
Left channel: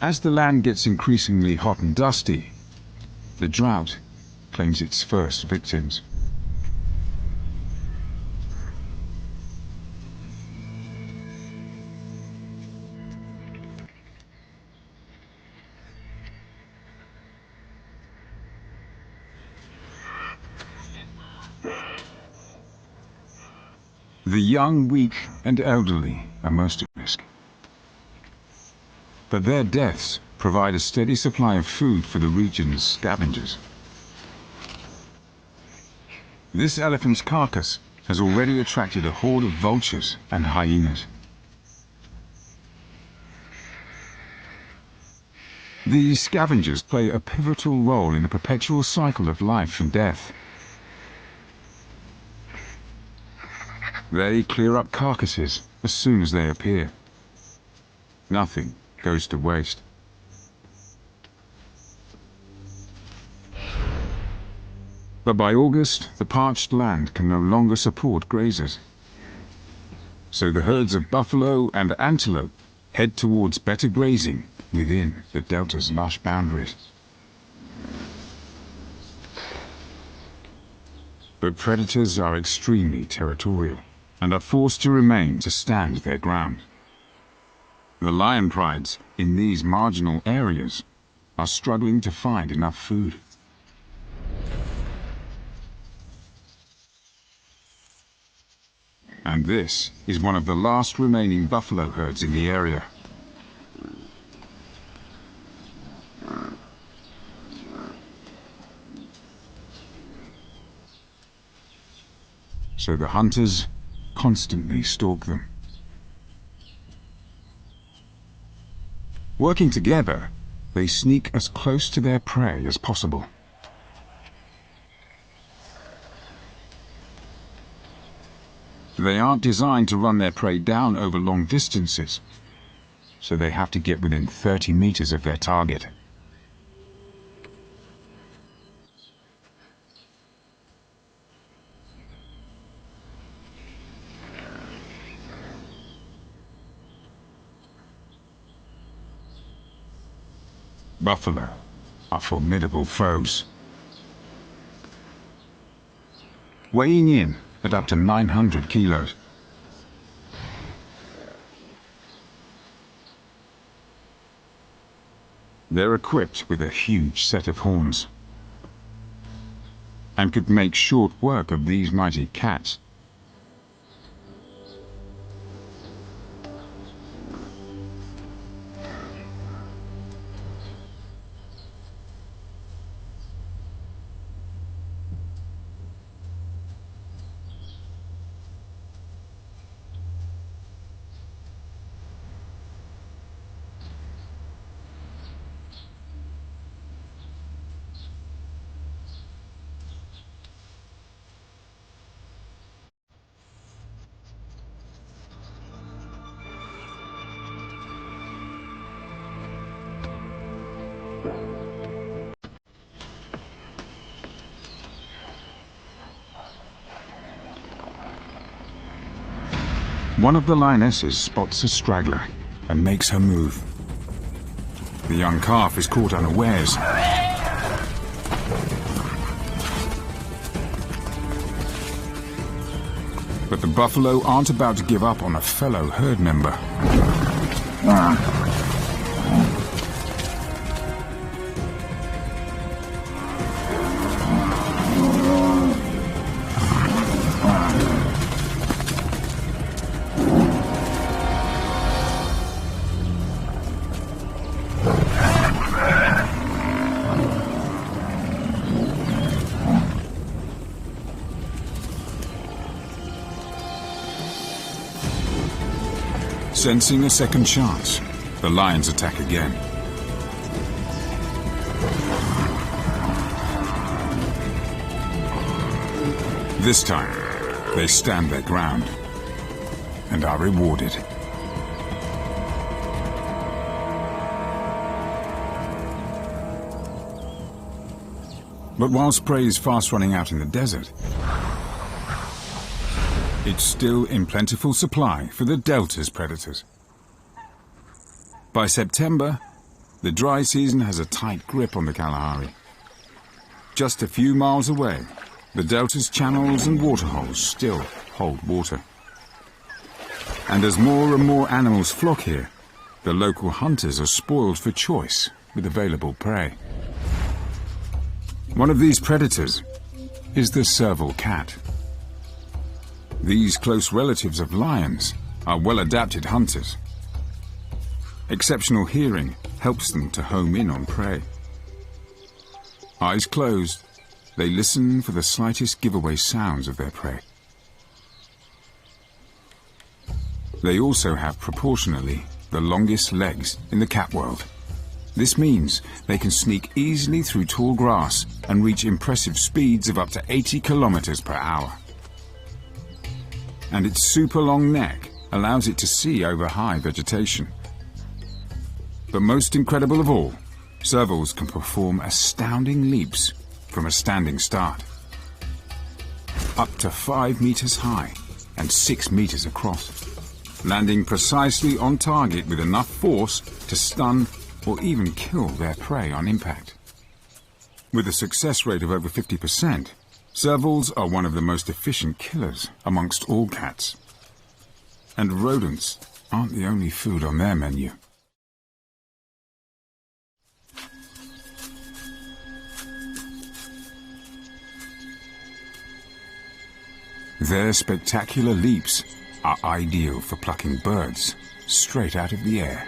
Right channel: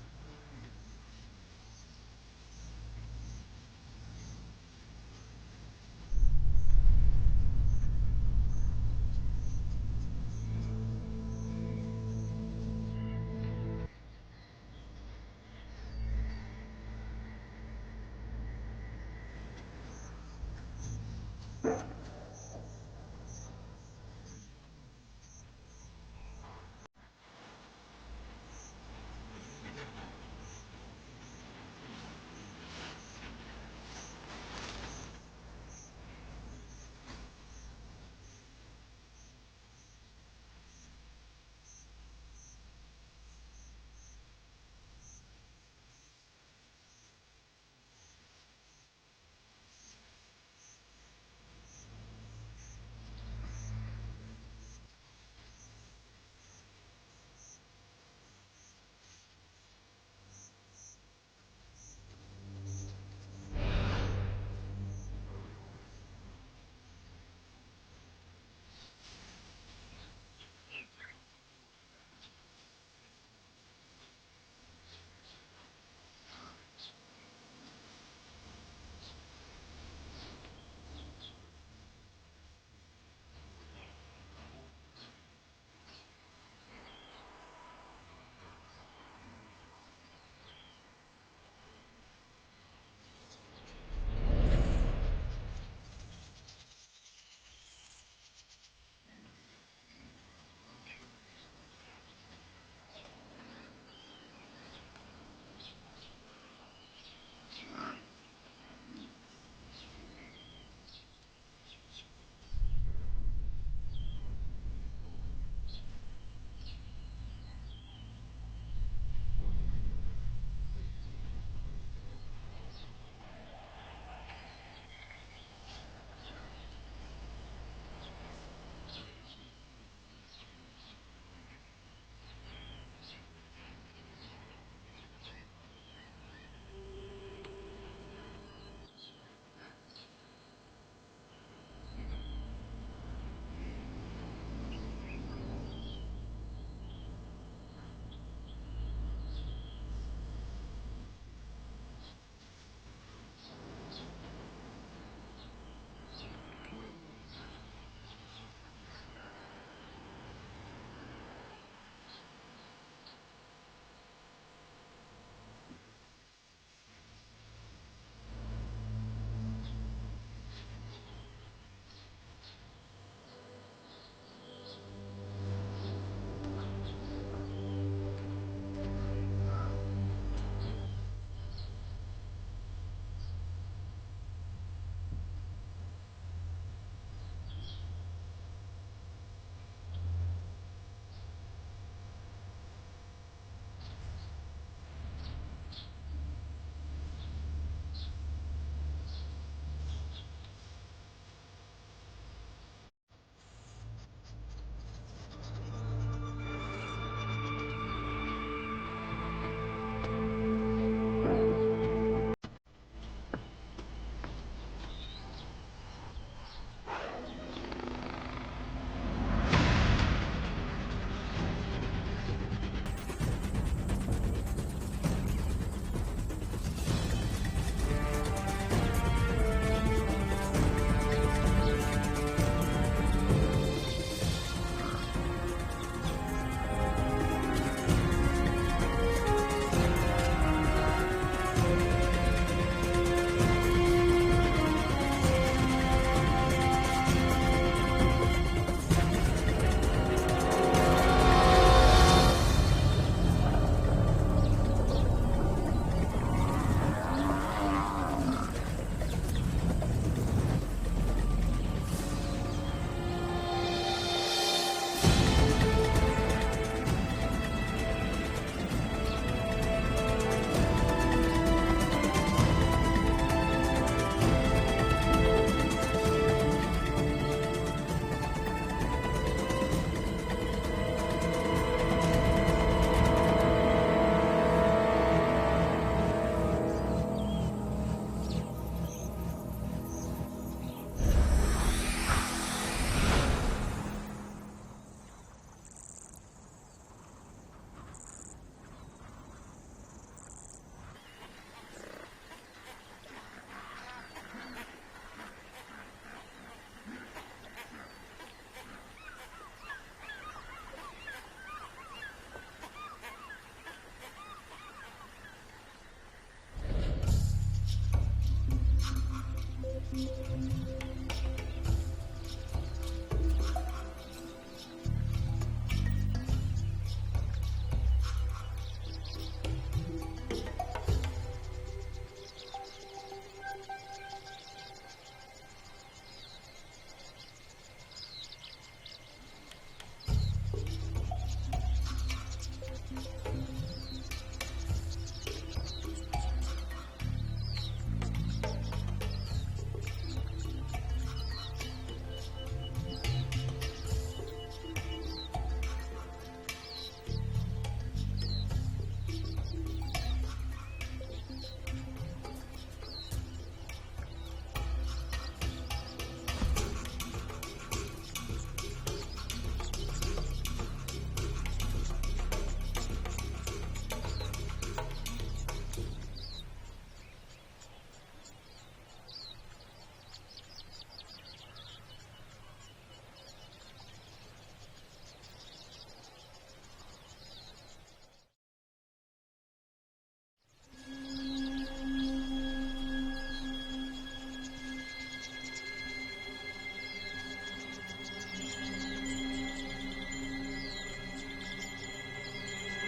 As the land gets increasingly hot and dusty, the drought claims its first victims. The young, weak, and elderly are most at risk. But their deaths provide a steady supply of food for the region's scavengers. This elephant's carcass has already attracted a horde of vultures and hyenas. These scavengers play a pivotal role in the perpetual cycle of life and death. They clear up carcasses as soon as they appear. Nothing goes to waste. But by August, the parched land can no longer support grazers. So the herds of buffalo and antelope head towards better grazing within the delta's lush boundaries. But predators are extremely territorial and are forced to remain to stand their ground. The lion prides in these marginal areas are struggling to find enough food. And this is one of the last remaining buffalo herds in the area. so the hunters constantly stalk them. Working together, they sneak as close to their prey as possible. They aren't designed to run their prey down over long distances, so they have to get within 30 meters of their target. Buffalo are formidable foes. Weighing in at up to 900 kilos. They're equipped with a huge set of horns and could make short work of these mighty cats. One of the lionesses spots a straggler and makes her move. The young calf is caught unawares. But the buffalo aren't about to give up on a fellow herd member. Sensing a second chance, the lions attack again. This time, they stand their ground and are rewarded. But whilst prey is fast running out in the desert, it's still in plentiful supply for the Delta's predators. By September, the dry season has a tight grip on the Kalahari. Just a few miles away, the Delta's channels and waterholes still hold water. And as more and more animals flock here, the local hunters are spoiled for choice with available prey. One of these predators is the serval cat. These close relatives of lions are well-adapted hunters. Exceptional hearing helps them to home in on prey. Eyes closed, they listen for the slightest giveaway sounds of their prey. They also have proportionally the longest legs in the cat world. This means they can sneak easily through tall grass and reach impressive speeds of up to 80 kilometers per hour. And its super long neck allows it to see over high vegetation. But most incredible of all, servals can perform astounding leaps from a standing start. Up to 5 meters high and 6 meters across, landing precisely on target with enough force to stun or even kill their prey on impact. With a success rate of over 50%, servals are one of the most efficient killers amongst all cats. And rodents aren't the only food on their menu. Their spectacular leaps are ideal for plucking birds straight out of the air.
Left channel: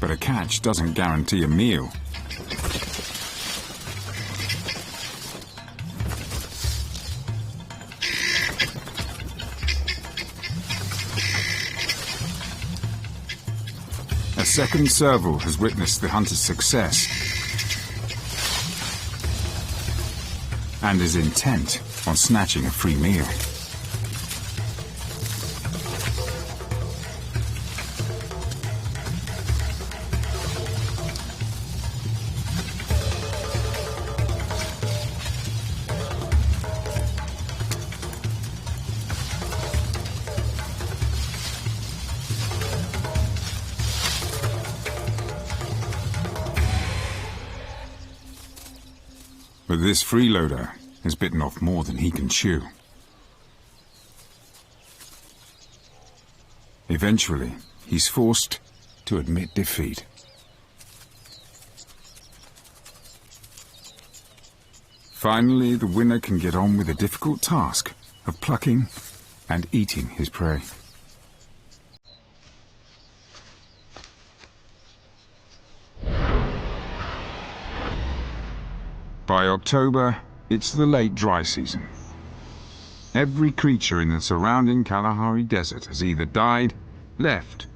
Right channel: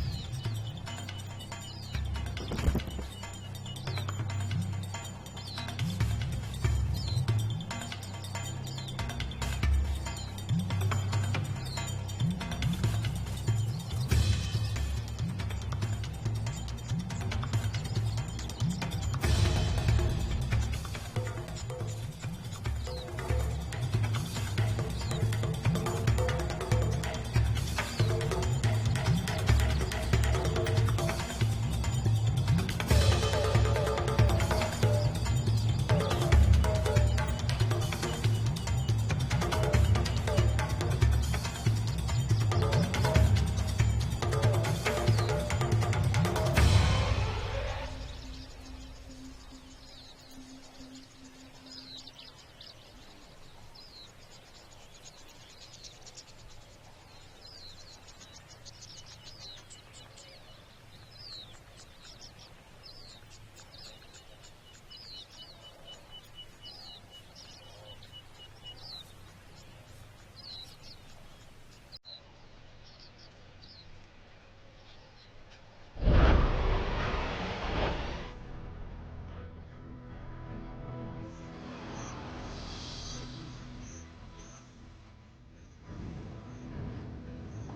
But a catch doesn't guarantee a meal. second serval has witnessed the hunter's success and is intent on snatching a free meal. But this freeloader has bitten off more than he can chew. Eventually, he's forced to admit defeat. Finally, the winner can get on with the difficult task of plucking and eating his prey. By October, it's the late dry season. Every creature in the surrounding Kalahari Desert has either died, left,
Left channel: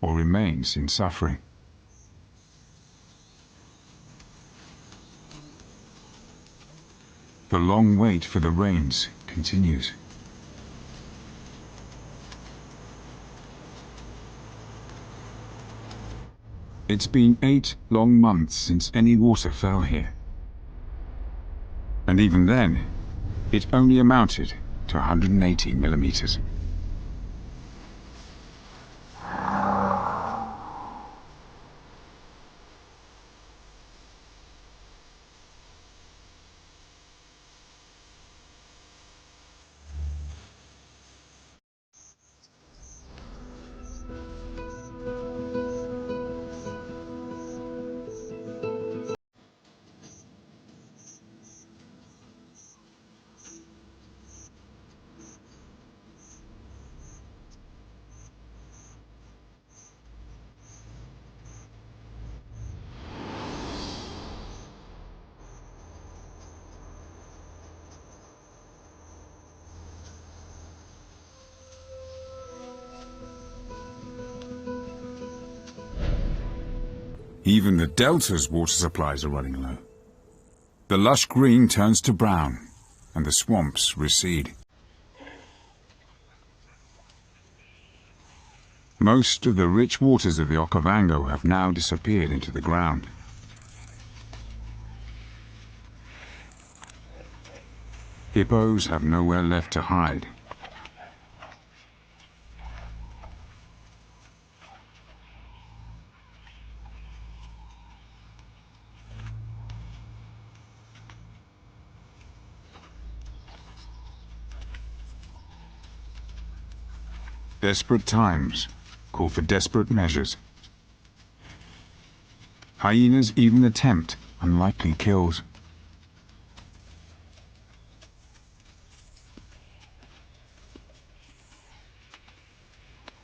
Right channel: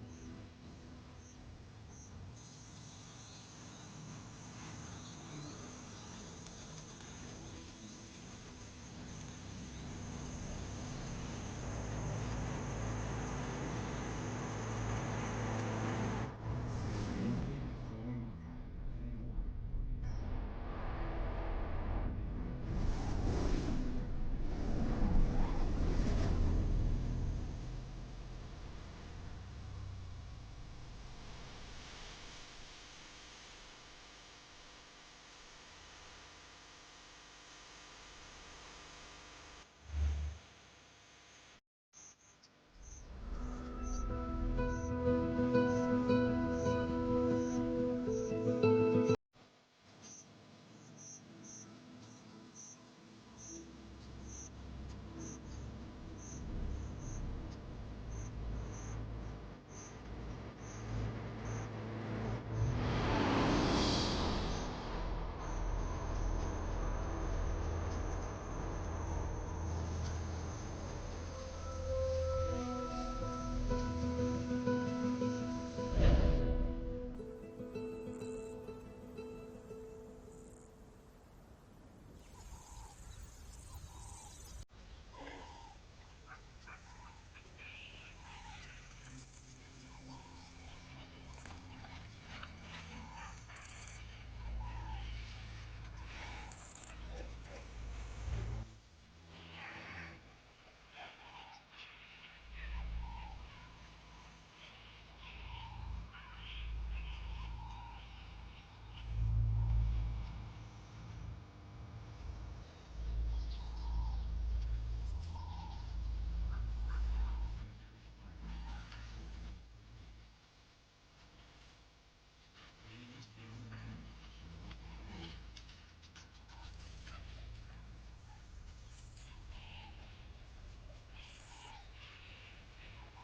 or remains in suffering. The long wait for the rains continues. It's been 8 long months since any water fell here. And even then, it only amounted to 180 millimeters. Even the delta's water supplies are running low. The lush green turns to brown, and the swamps recede. Most of the rich waters of the Okavango have now disappeared into the ground. Hippos have nowhere left to hide. Desperate times call for desperate measures. Hyenas even attempt unlikely kills.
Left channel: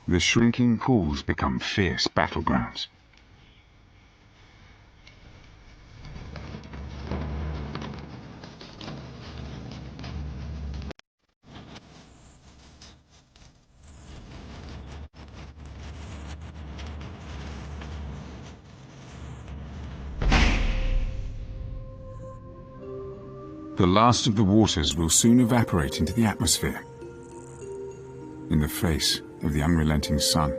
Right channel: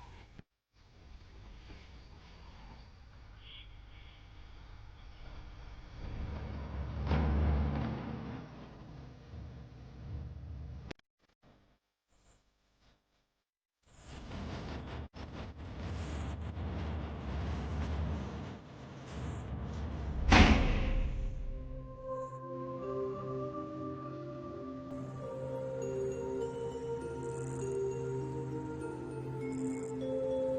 The shrinking pools become fierce battlegrounds. The last of the waters will soon evaporate into the atmosphere, in the face of the unrelenting sun.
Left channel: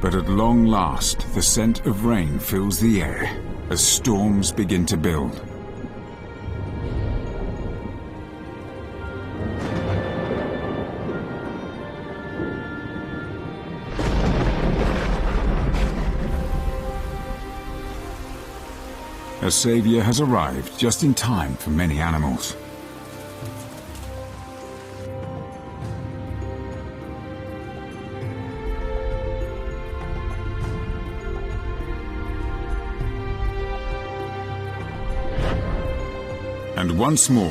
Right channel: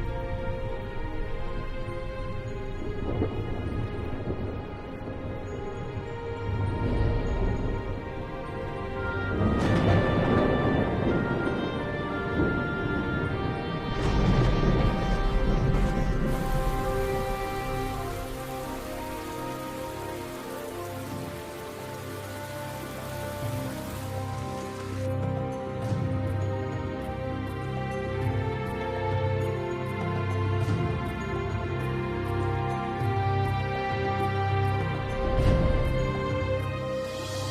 But at long last, the scent of rain fills the air as storms begin to build. A savior has arrived just in time for many animals. And once more,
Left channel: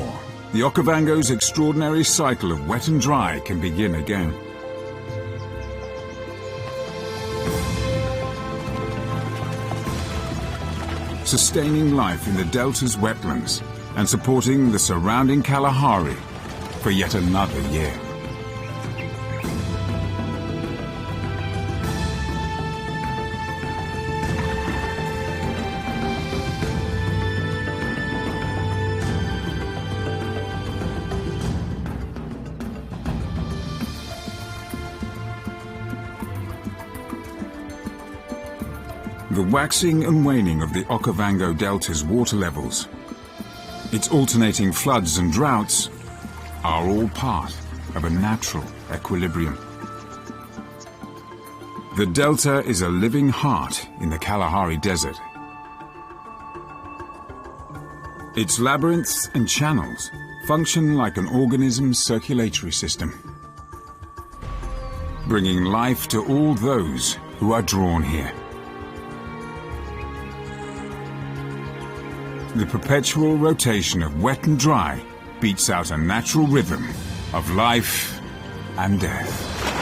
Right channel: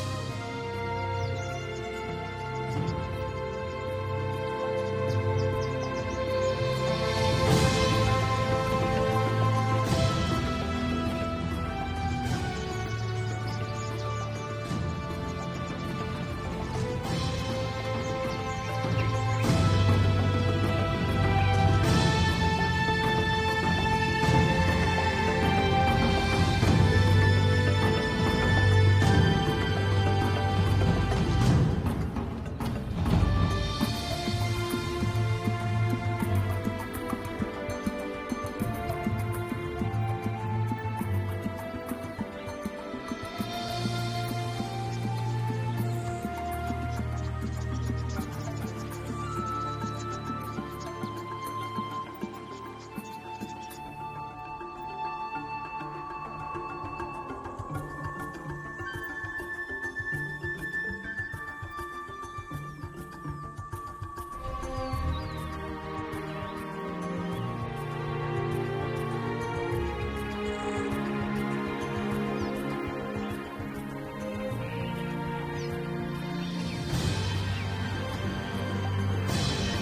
the Okavango's extraordinary cycle of wet and dry can begin again. Sustaining life in the delta's wetlands and supporting the surrounding Kalahari for yet another year. The waxing and waning of the Okavango Delta's water levels, its alternating floods and droughts, are all part of a natural equilibrium. The delta is a living heart in the Kalahari Desert. Its labyrinths and channels function like an organism's circulatory system, bringing life to all those who are drawn here. The perpetual rotation of wet and dry beats out a natural rhythm of life and death.